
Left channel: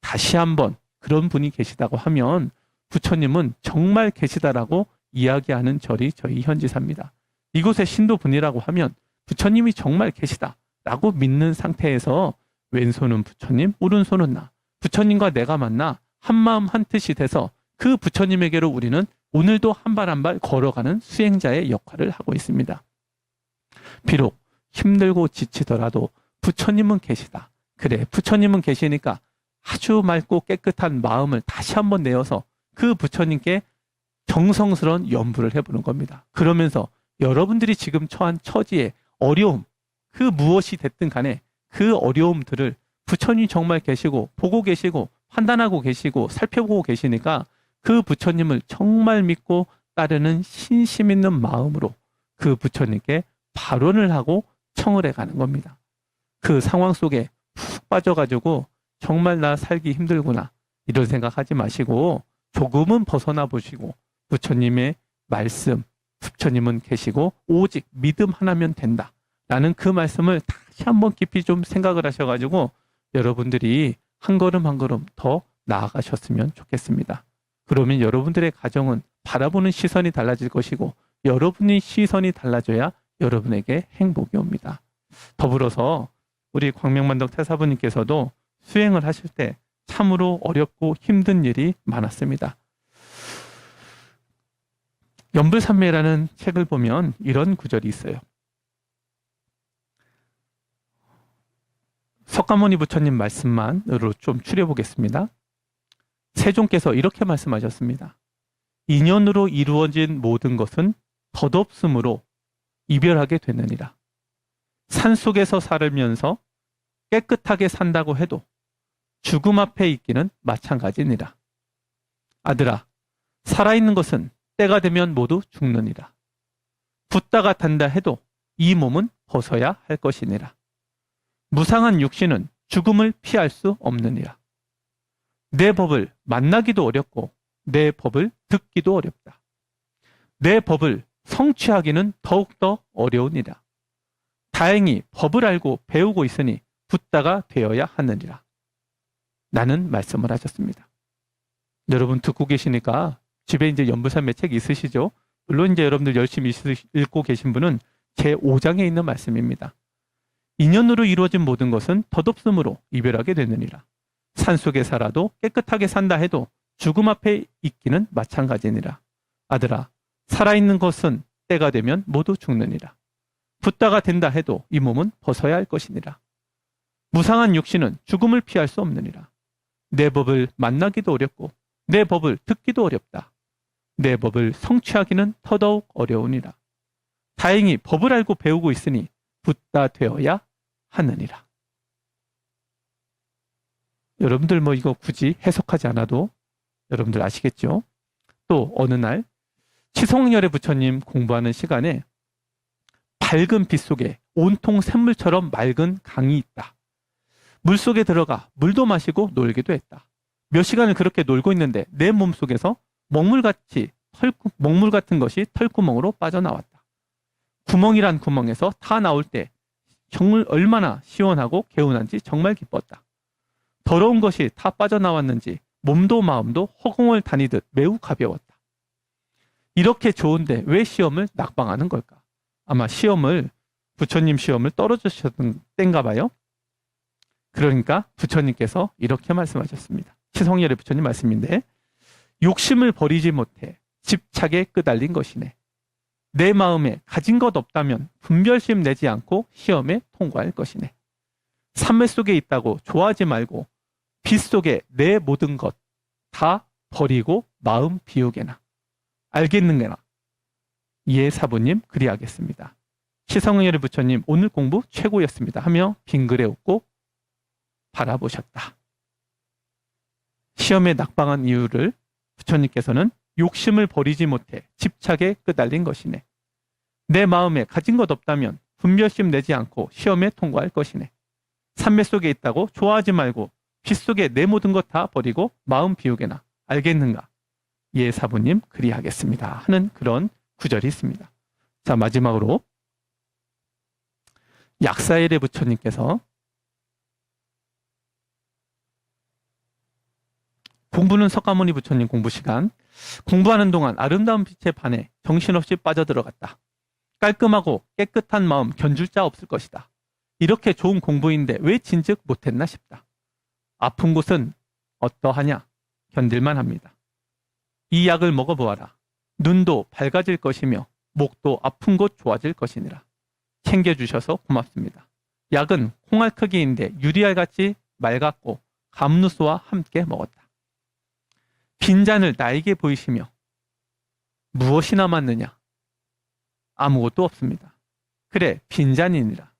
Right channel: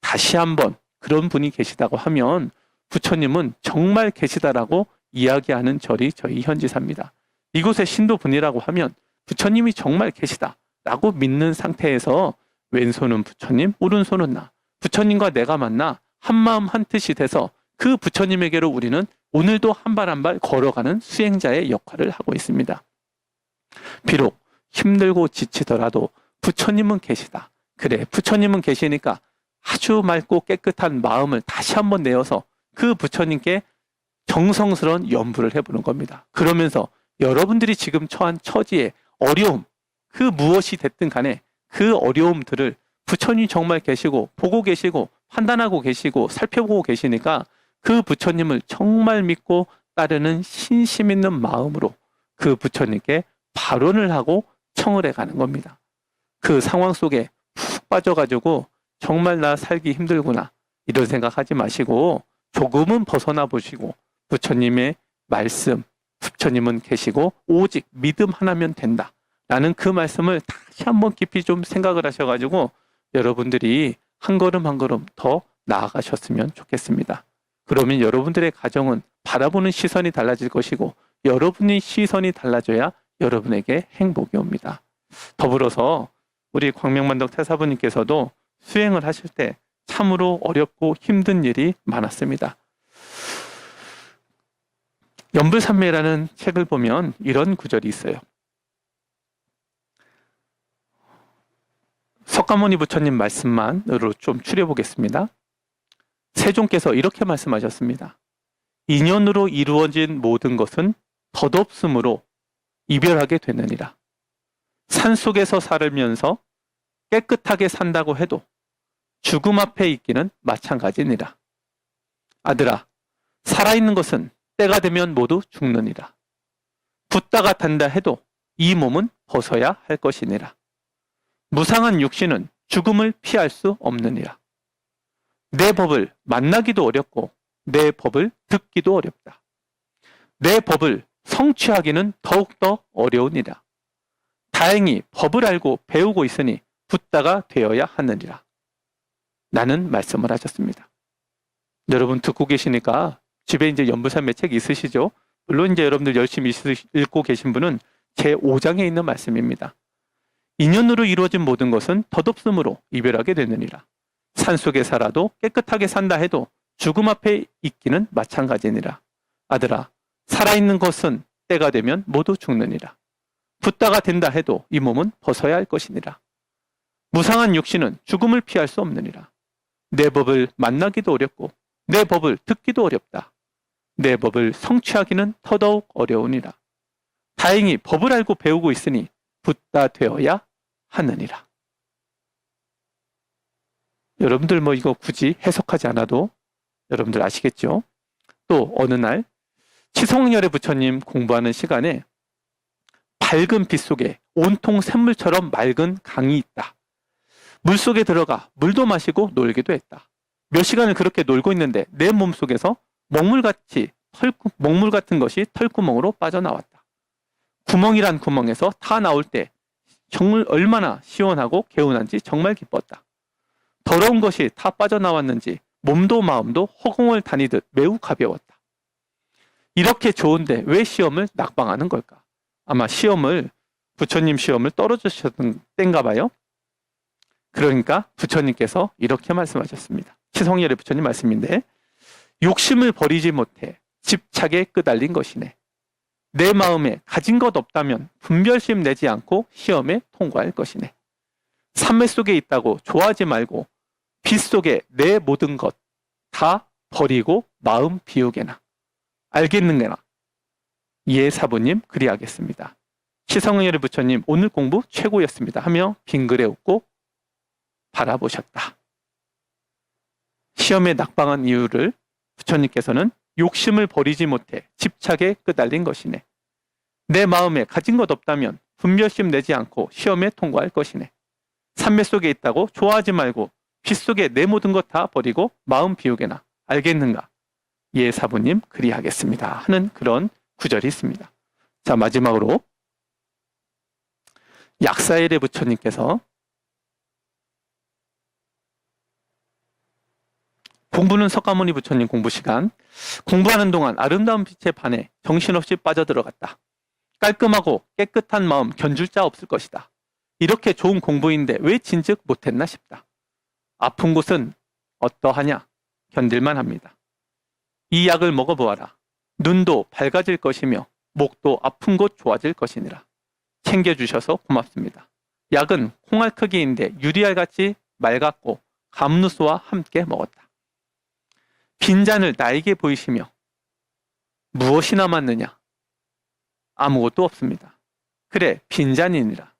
다시 한번 그런 분이 계시다고 하면 부처님은 정말 계시다라고 이야기하는 절이 저희 현지사입니다. 이곳의 신도분이라고 하면 부처님이 정말 계시다라고 믿는 상태에서 왼손은 부처님, 오른손은 나. 부처님과 내가 만나 한마음 한뜻이 돼서 그 부처님에게로 우리는 오늘도 한 발 한 발 걸어가는 수행자의 역할을 하고 있습니다. 비록 힘들고 지치더라도 부처님은 계시다. 그래, 부처님은 계시니까 아주 맑고 깨끗한 마음을 다시 한번 내어서 그 부처님께 정성스러운 연부를 해보는 겁니다. 그러면서 여러분들이 지금 처한 처지의 어려움, 그 무엇이 됐든 간에 그 어려움들을 부처님이 정말 계시고 보고 계시고 판단하고 계시고 살펴보고 계시니까 그 부처님을 정말 믿고 따르는 신심 있는 마음으로 그 부처님께 발언을 하고 청을 해가는 겁니다. 그 상황 속에 푹 빠져가지고 정말 나 살기 힘들구나 이런 생각하지 마시고 조금은 벗어나 보시고 부처님의 말씀, 부처님은 계시고 오직 믿음 하나면 된다 라는 그 말씀을 다시 한번 깊이 좀 생각을 하셔가지고 여러분들이 한 걸음 한 걸음 더 나아가셨으면 좋겠습니다. 그러면 여러분들의 가정은 바라보는 시선이 달라질 것이고 여러분의 시선이 달라져야 여러분에게 행복이 옵니다. 더불어서 우리 광명만덕 태사부님께서도 수행을 하실 때 참으로 어렵고 힘든 일이 많았습니다. 연불산매라는 책을 보면 이런 구절이 있어요. 석가모니 부처님 말씀만으로 좀 추려보겠습니다. 세종께서 이렇게 말씀하셨습니다. 인연으로 이루어진 모든 것은 덧없음으로 이별하게 되느니라. 산속에서 살면서 깨끗하게 산다고 해도 죽음 앞에 있기는 마찬가지니라. 아들아, 살아있는 것은 때가 되면 모두 죽느니라. 붙다가 단다 해도 이 몸은 벗어야 할 것이니라. 무상한 육신은 죽음을 피할 수 없느니라. 내 법을 만나기도 어렵고 내 법을 듣기도 어렵다. 내 법을 성취하기는 더욱더 어려우니라. 다행히 법을 알고 배우고 있으니 붓다가 되어야 하느니라. 나는 말씀을 하셨습니다. 여러분 듣고 계시니까 집에 이제 연불산매 책 있으시죠? 물론 이제 여러분들 열심히 읽고 계신 분은 제5장에 있는 말씀입니다. 인연으로 이루어진 모든 것은 덧없음으로 이별하게 되느니라. 산속에 살아도 깨끗하게 산다 해도 죽음 앞에 있기는 마찬가지니라. 아들아, 살아있는 것은 때가 되면 모두 죽느니라. 붙다가 된다 해도 이 몸은 벗어야 할 것이니라. 무상한 육신은 죽음을 피할 수 없느니라. 내 법을 만나기도 어렵고 내 법을 듣기도 어렵다. 내 법을 성취하기는 더더욱 어려우니라. 다행히 법을 알고 배우고 있으니 붙다 되어야 하느니라. 여러분들 뭐 이거 굳이 해석하지 않아도 여러분들 아시겠죠? 또 어느 날 치송열의 부처님 공부하는 시간에 밝은 빛 속에 온통 샘물처럼 맑은 강이 있다. 물속에 들어가 물도 마시고 놀기도 했다. 몇 시간을 그렇게 놀고 있는데 내 몸속에서 먹물 같은 것이 털구멍으로 빠져나왔다. 구멍이란 구멍에서 다 나올 때 정말 얼마나 시원하고 개운한지 정말 기뻤다. 더러운 것이 다 빠져나왔는지 몸도 마음도 허공을 다니듯 매우 가벼웠다. 이렇게 좋은데 왜 시험을 낙방하는 걸까? 아마 부처님 시험을 떨어지셨던 때인가 봐요. 그러니까 부처님께서 이렇게 말씀하셨습니다. 치성열의 부처님 말씀인데, 욕심을 버리지 못해 집착에 끄달린 것이네. 내 마음에 가진 것 없다면 분별심 내지 않고 시험에 통과할 것이네. 삼매 속에 있다고 좋아하지 말고 빛 속에 내 모든 것 다 버리고 마음 비우게나. 알겠는게나. 예, 사부님 그리하겠습니다. 치성열의 부처님 오늘 공부 최고였습니다 하며 빙그레 웃고 바라보셨다. 시험에 낙방한 이유를 부처님께서는 욕심을 버리지 못해 집착에 끄달린 것이네. 내 마음에 가진 것 없다면 분별심 내지 않고 시험에 통과할 것이네. 삼매 속에 있다고 좋아하지 말고 빛 속에 내 모든 것 다 버리고 마음 비우게나. 알겠는가? 예, 사부님 그리하겠습니다 하는 그런 구절이 있습니다. 자, 마지막으로 약사일의 부처님께서 공부는 석가모니 부처님 공부 시간, 공부하는 동안 아름다운 빛에 반해 정신없이 빠져들어갔다. 깔끔하고 깨끗한 마음 견줄 자 없을 것이다. 이렇게 좋은 공부인데 왜 진즉 못했나 싶다. 아픈 곳은 어떠하냐? 견딜만 합니다. 이 약을 먹어보아라. 눈도 밝아질 것이며 목도 아픈 곳 좋아질 것이니라. 챙겨주셔서 고맙습니다. 약은 콩알 크기인데 유리알같이 맑았고 감누수와 함께 먹었다. 빈잔을 나에게 보이시며 무엇이 남았느냐? 아무것도 없습니다. 그래, 빈잔이니라.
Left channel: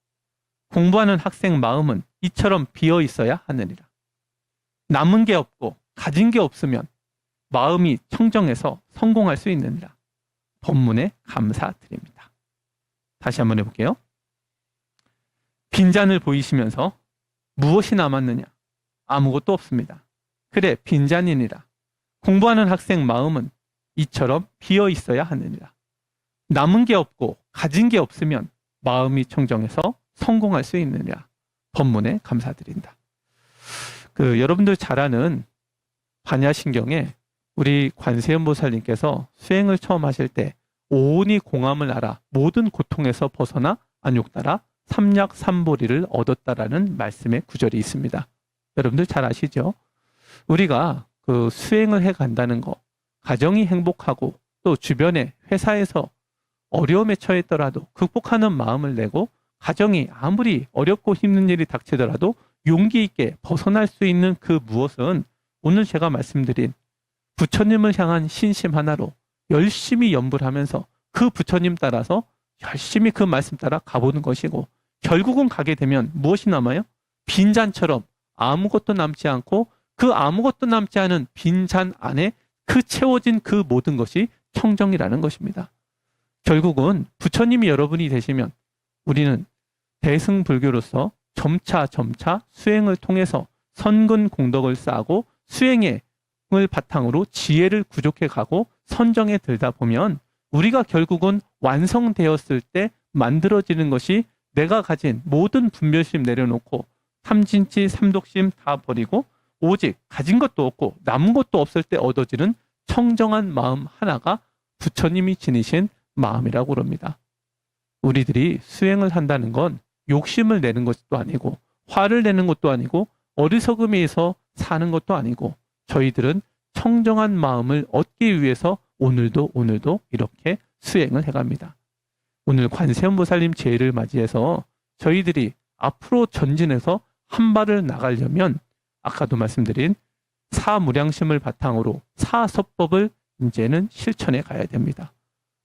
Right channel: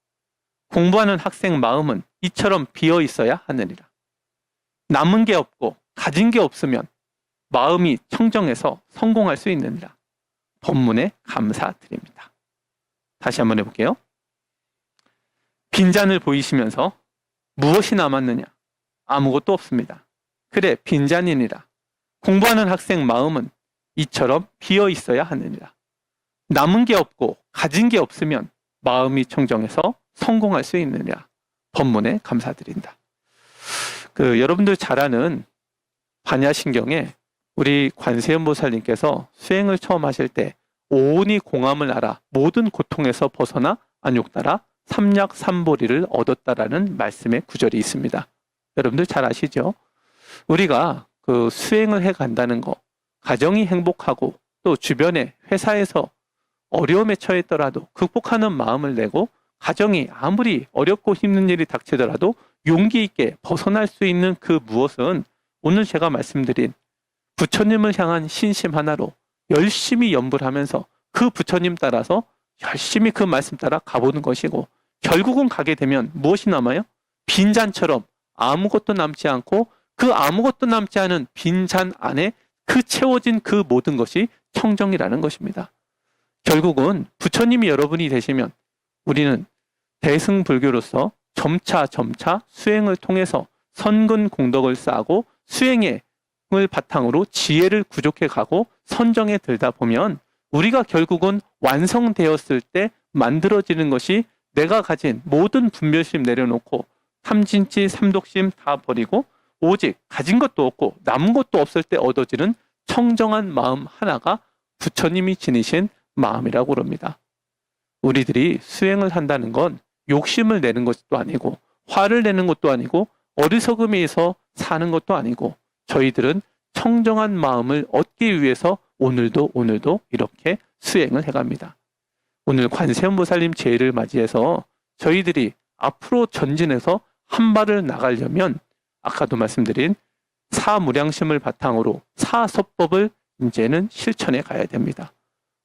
공부하는 학생 마음은 이처럼 비어 있어야 하느니라. 남은 게 없고 가진 게 없으면 마음이 청정해서 성공할 수 있느니라. 법문에 감사드립니다. 다시 한번 해볼게요. 빈잔을 보이시면서 무엇이 남았느냐? 아무것도 없습니다. 그래, 빈잔이니라. 공부하는 학생 마음은 이처럼 비어 있어야 하느니라. 남은 게 없고 가진 게 없으면 마음이 청정해서 성공할 수 있느니라. 법문에 감사드린다. 여러분들 잘 아는 반야신경에 우리 관세음보살님께서 수행을 처음 하실 때 오온이 공함을 알아 모든 고통에서 벗어나 안욕따라 삼약삼보리를 얻었다라는 말씀의 구절이 있습니다. 여러분들 잘 아시죠? 우리가 수행을 해 간다는 거, 가정이 행복하고 또 주변에 회사에서 어려움에 처했더라도 극복하는 마음을 내고 가정이 아무리 어렵고 힘든 일이 닥치더라도 용기 있게 벗어날 수 있는 그 무엇은 오늘 제가 말씀드린 부처님을 향한 신심 하나로 열심히 연불 하면서 그 부처님 따라서 열심히 그 말씀 따라 가보는 것이고, 결국은 가게 되면 무엇이 남아요? 빈잔처럼 아무것도 남지 않고 그 아무것도 남지 않은 빈잔 안에 그 채워진 그 모든 것이 청정이라는 것입니다. 결국은 부처님이 여러분이 되시면 우리는 대승불교로서 점차 수행을 통해서 선근 공덕을 쌓고 수행을 바탕으로 지혜를 구족해 가고 선정에 들다 보면 우리가 결국은 완성되었을 때 만들어지는 것이 내가 가진 모든 분별심 내려놓고 탐진치 삼독심 다 버리고 오직 가진 것도 없고 남은 것도 없을 때 얻어지는 청정한 마음 하나가 부처님이 지니신 마음이라고 그럽니다. 우리들이 수행을 한다는 건 욕심을 내는 것도 아니고 화를 내는 것도 아니고 어리석음에서 사는 것도 아니고 저희들은 청정한 마음을 얻기 위해서 오늘도 이렇게 수행을 해갑니다. 오늘 관세음보살님 제의를 맞이해서 저희들이 앞으로 전진해서 한 발을 나가려면 아까도 말씀드린 사무량심을 바탕으로 사서법을 이제는 실천해 가야 됩니다.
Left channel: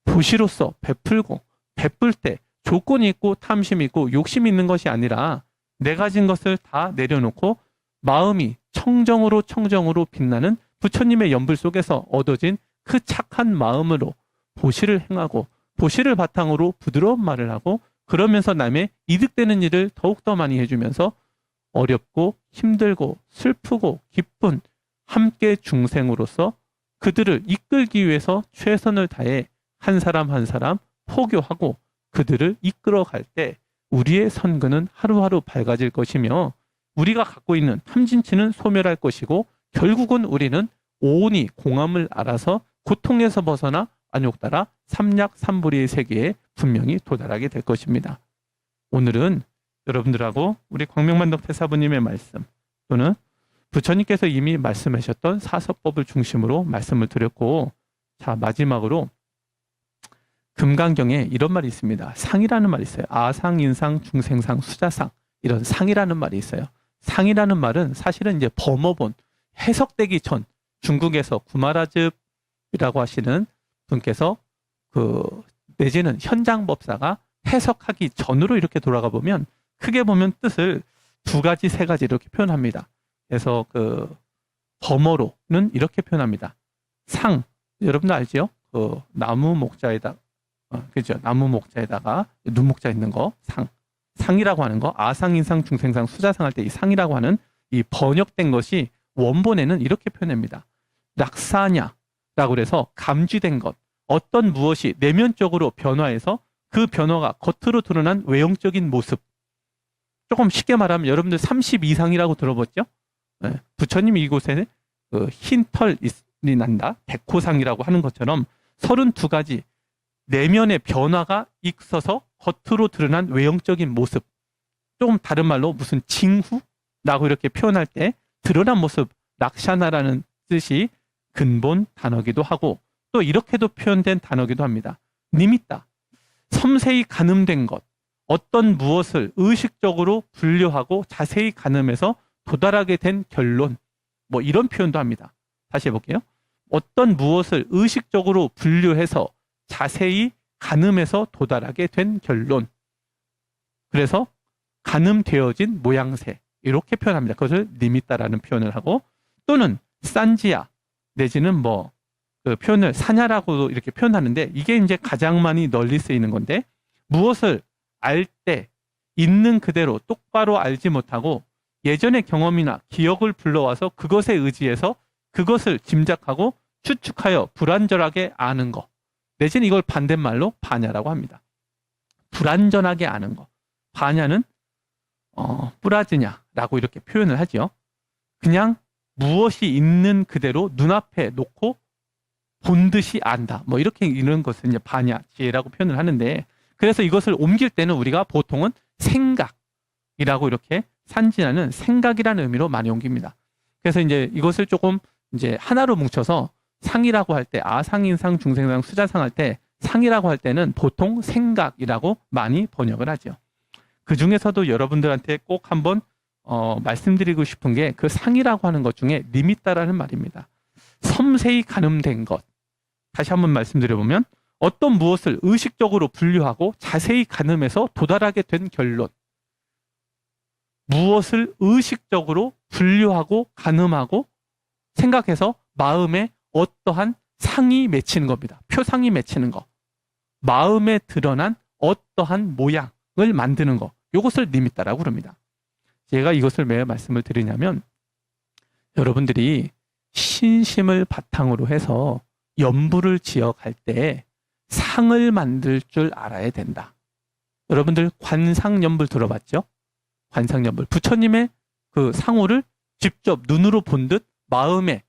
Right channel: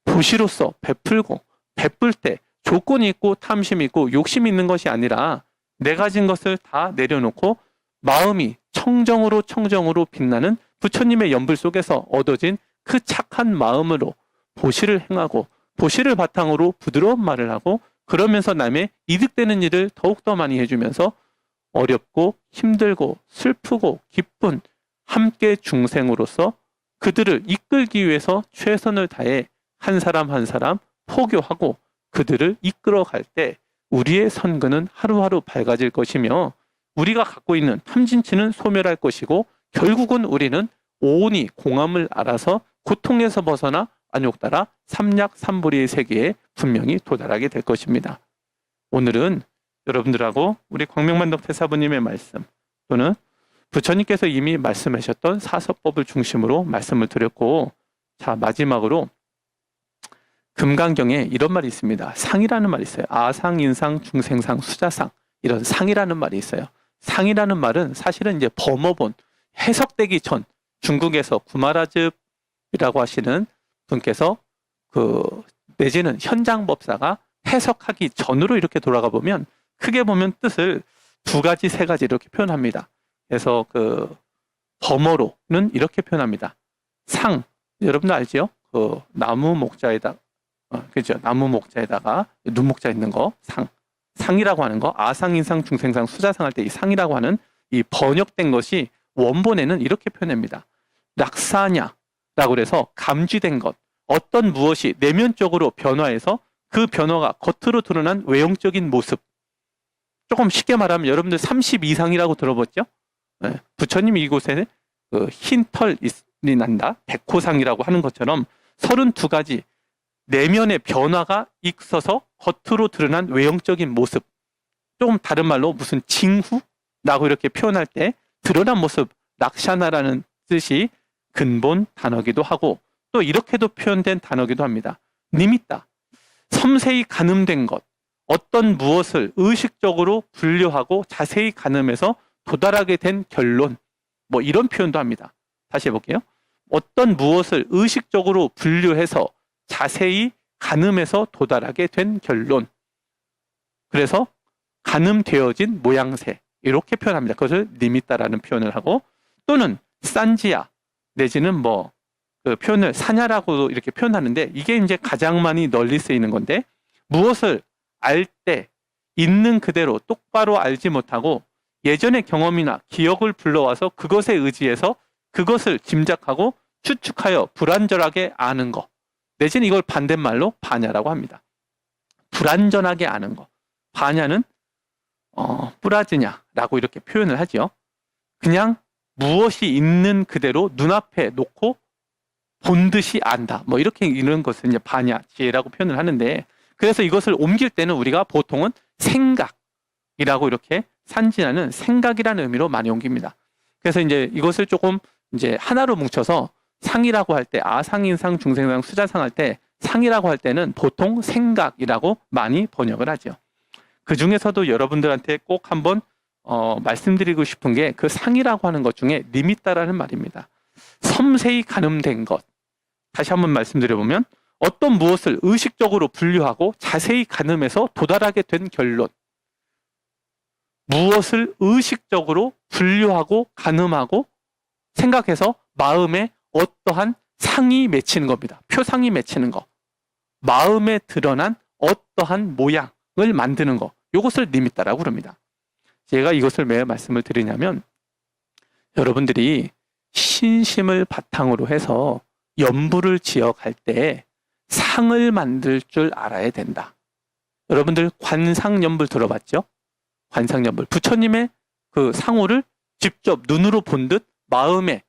도시로서 베풀고 베풀 때 조건이 있고 탐심이 있고 욕심이 있는 것이 아니라 내 가진 것을 다 내려놓고 마음이 청정으로 빛나는 부처님의 연불 속에서 얻어진 그 착한 마음으로 보시를 행하고 보시를 바탕으로 부드러운 말을 하고 그러면서 남의 이득되는 일을 더욱더 많이 해주면서 어렵고 힘들고 슬프고 기쁜 함께 중생으로서 그들을 이끌기 위해서 최선을 다해 한 사람 한 사람 포교하고 그들을 이끌어갈 때 우리의 선근은 하루하루 밝아질 것이며 우리가 갖고 있는 탐진치는 소멸할 것이고 결국은 우리는 오온이 공함을 알아서 고통에서 벗어나 안욕따라 삼약삼보리의 세계에 분명히 도달하게 될 것입니다. 오늘은 여러분들하고 우리 광명만덕 태사부님의 말씀 또는 부처님께서 이미 말씀하셨던 사서법을 중심으로 말씀을 드렸고, 자 마지막으로 금강경에 이런 말이 있습니다. 상이라는 말이 있어요. 아상, 인상, 중생상, 수자상 이런 상이라는 말이 있어요. 상이라는 말은 사실은 이제 범어본 해석되기 전 중국에서 구마라즙이라고 하시는 분께서 내지는 현장법사가 해석하기 전으로 이렇게 돌아가 보면 크게 보면 뜻을 두 가지, 세 가지 이렇게 표현합니다. 그래서 범어로는 이렇게 표현합니다. 상, 여러분도 알지요? 나무 목자에다, 그죠? 나무 목자에다가 눈목자 있는 거, 상이라고 하는 거, 아상, 인상, 중생상, 수자상 할 때 이 상이라고 하는 이 번역된 것이 원본에는 이렇게 표현합니다. 락사냐라고 그래서 감쥐된 것, 어떤 무엇이 내면적으로 변화해서 그 변화가 겉으로 드러난 외형적인 모습. 조금 쉽게 말하면 여러분들 30 이상이라고 들어봤죠? 네. 부처님이 이곳에 흰 털이 난다, 백호상이라고 하는 것처럼 32가지 내면의 변화가 있어서 겉으로 드러난 외형적인 모습. 조금 다른 말로 무슨 징후라고 이렇게 표현할 때 드러난 모습, 락샤나라는 뜻이 근본 단어기도 하고 또 이렇게도 표현된 단어기도 합니다. 니미따, 섬세히 가늠된 것, 어떤 무엇을 의식적으로 분류하고 자세히 가늠해서 도달하게 된 결론, 뭐 이런 표현도 합니다. 다시 해볼게요. 어떤 무엇을 의식적으로 분류해서 자세히 가늠해서 도달하게 된 결론. 그래서 가늠되어진 모양새 이렇게 표현합니다. 그것을 니미따라는 표현을 하고 또는 산지야 내지는 그 표현을 사냐라고 이렇게 표현하는데 이게 이제 가장 많이 널리 쓰이는 건데 무엇을 알 때 있는 그대로 똑바로 알지 못하고 예전의 경험이나 기억을 불러와서 그것에 의지해서 그것을 짐작하고 추측하여 불완전하게 아는 것 내지는 이걸 반대말로 바냐라고 합니다. 불완전하게 아는 것. 바냐는 뿌라즈냐라고 이렇게 표현을 하죠. 그냥 무엇이 있는 그대로 눈앞에 놓고 본 듯이 안다. 뭐 이렇게 이런 것을 이제 바냐, 지혜라고 표현을 하는데 그래서 이것을 옮길 때는 우리가 보통은 생각이라고 이렇게 산지나는 생각이라는 의미로 많이 옮깁니다. 그래서 이제 이것을 조금 이제 하나로 뭉쳐서 상이라고 할 때 아상인상, 중생상, 수자상 할 때 상이라고 할 때는 보통 생각이라고 많이 번역을 하죠. 그 중에서도 여러분들한테 꼭 한번 말씀드리고 싶은 게 그 상이라고 하는 것 중에 니미따라는 말입니다. 섬세히 가늠된 것. 다시 한번 말씀드려보면 어떤 무엇을 의식적으로 분류하고 자세히 가늠해서 도달하게 된 결론. 무엇을 의식적으로 분류하고 가늠하고 생각해서 마음에 어떠한 상이 맺히는 겁니다. 표상이 맺히는 거. 마음에 드러난 어떠한 모양을 만드는 거, 이것을 니미따라고 그럽니다. 제가 이것을 왜 말씀을 드리냐면, 여러분들이 신심을 바탕으로 해서 연부를 지어갈 때 상을 만들 줄 알아야 된다. 여러분들 관상연불 들어봤죠? 관상연불. 부처님의 그 상호를 직접 눈으로 본 듯 마음에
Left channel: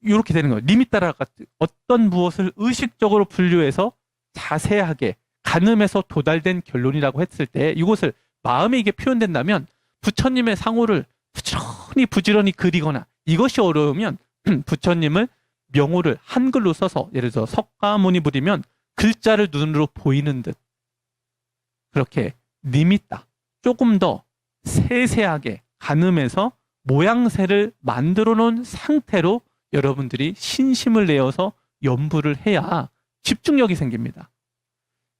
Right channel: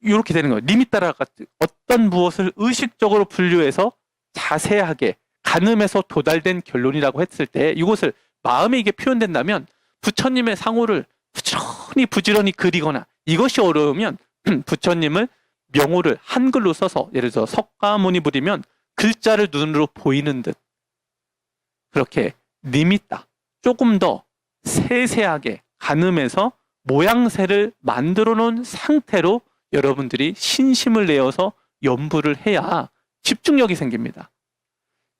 이렇게 되는 거예요. 니미따라 같은 어떤 무엇을 의식적으로 분류해서 자세하게 가늠해서 도달된 결론이라고 했을 때 이것을 마음에 이게 표현된다면 부처님의 상호를 부지런히 그리거나 이것이 어려우면 부처님을 명호를 한글로 써서 예를 들어 석가모니 부리면 글자를 눈으로 보이는 듯 그렇게 니미따 조금 더 세세하게 가늠해서 모양새를 만들어 놓은 상태로 여러분들이 신심을 내어서 연부를 해야 집중력이 생깁니다.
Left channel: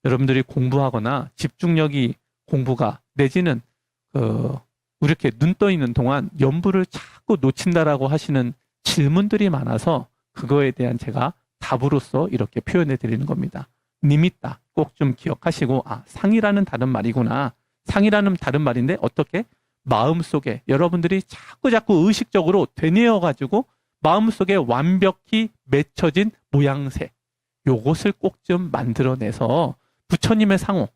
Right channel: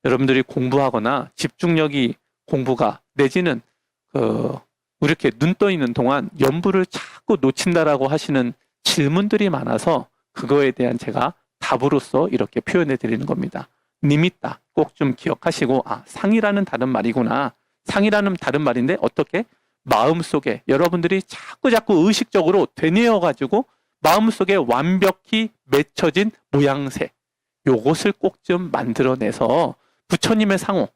여러분들이 공부하거나 집중력이 공부가 내지는 이렇게 눈 떠 있는 동안 연부를 자꾸 놓친다라고 하시는 질문들이 많아서 그거에 대한 제가 답으로서 이렇게 표현해 드리는 겁니다. 니미따 꼭 좀 기억하시고 상이라는 다른 말이구나. 상이라는 다른 말인데 어떻게 마음속에 여러분들이 자꾸 의식적으로 되뇌어 가지고 마음속에 완벽히 맺혀진 모양새 요것을 꼭 좀 만들어내서 부처님의 상호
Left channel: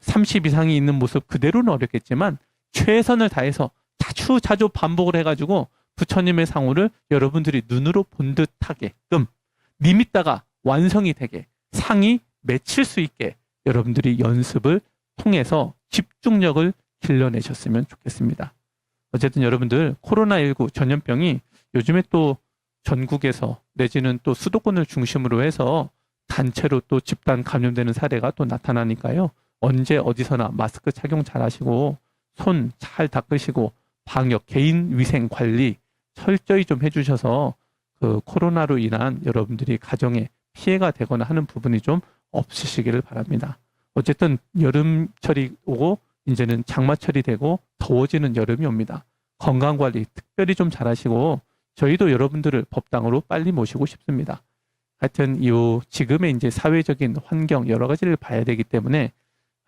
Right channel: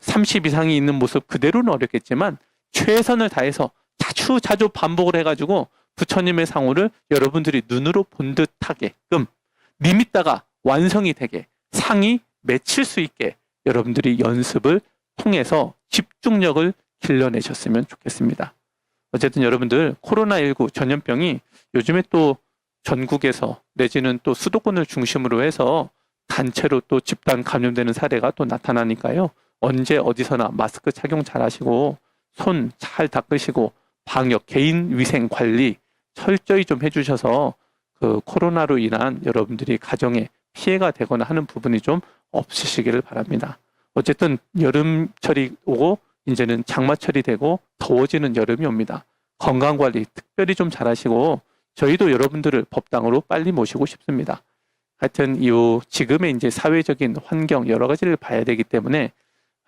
30 이상이 있는 모습 그대로는 어렵겠지만 최선을 다해서 자주 반복을 해가지고 부처님의 상호를 여러분들이 눈으로 본 듯하게끔 니미따가 완성이 되게 상이 맺힐 수 있게 여러분들이 연습을 통해서 집중력을 길러내셨으면 좋겠습니다. 어쨌든 여러분들 코로나19 전염병이 요즘에 또 전국에서 내지는 또 수도권을 중심으로 해서 단체로 또 집단 감염되는 사례가 또 나타나니까요. 언제 어디서나 마스크 착용 잘 하시고 손 잘 닦으시고 방역 개인 위생 관리 철저히 좀 해주셔서 그 코로나로 인한 여러분들이 가정에 피해가 되거나 하는 부분이 좀 없으시기를 바랍니다. 어쨌든 여름철이 오고 이제는 장마철이 되고 더워지는 여름이 옵니다. 건강관리 특별히 좀 잘하시고 저희도 여러분들을 법당으로 빨리 모시고 싶습니다. 하여튼 지금의 이제 사회적인 환경 여러 가지를 봐야 되기 때문에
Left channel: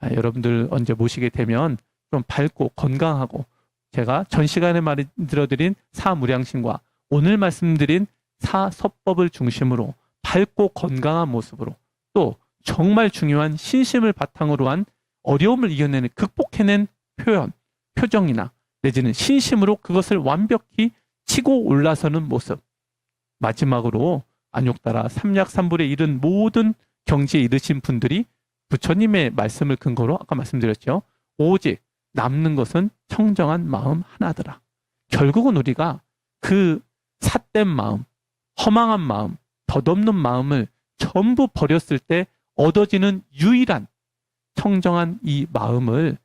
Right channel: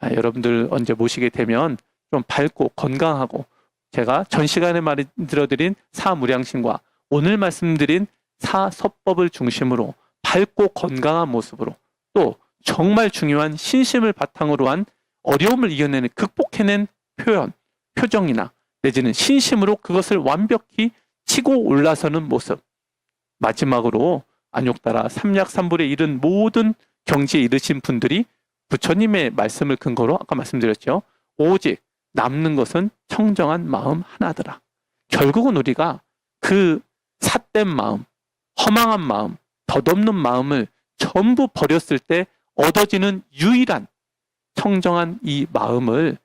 여러분들 언제 모시게 되면 좀 밝고 건강하고 제가 전 시간에 말씀드린 사무량심과 오늘 말씀드린 사서법을 중심으로 밝고 건강한 모습으로 또 정말 중요한 신심을 바탕으로 한 어려움을 이겨내는 극복해낸 표정이나 내지는 신심으로 그것을 완벽히 치고 올라서는 모습 마지막으로 안욕따라 삼약삼불에 이른 모든 경지에 이르신 분들이 부처님의 말씀을 근거로 아까 말씀드렸죠. 오직 남는 것은 청정한 마음 하나더라. 결국은 우리가 그 삿된 마음, 허망한 마음, 덧없는 마음을 전부 버렸을 때 얻어지는 유일한 청정한 이 마음을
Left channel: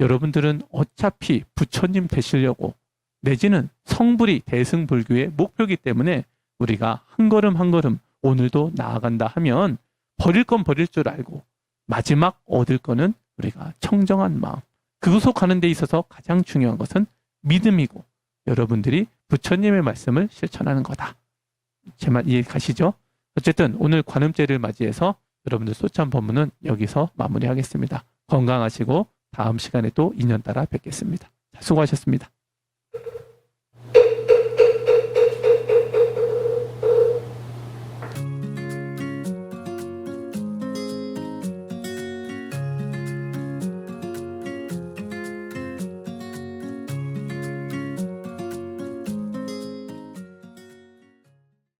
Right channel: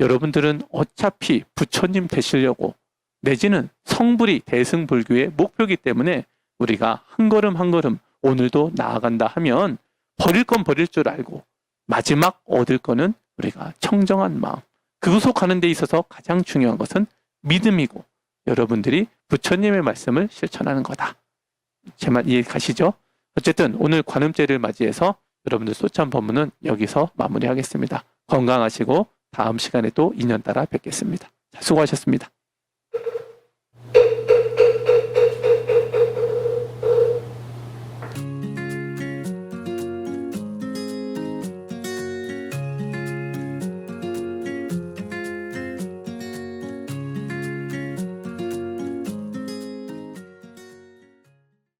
여러분들은 어차피 부처님 되시려고 내지는 성불이 대승불교의 목표이기 때문에 우리가 한 걸음 한 걸음 오늘도 나아간다 하면 버릴 건 버릴 줄 알고 마지막 얻을 거는 우리가 청정한 마음. 그곳으로 가는 데 있어서 가장 중요한 것은 믿음이고 여러분들이 부처님의 말씀을 실천하는 거다. 제 말 이해 가시죠? 어쨌든 오늘 관음제를 맞이해서 여러분들 소참 법문은 여기서 마무리하겠습니다. 건강하시고 다음 시간에 또 인연 따라 뵙겠습니다. 수고하셨습니다.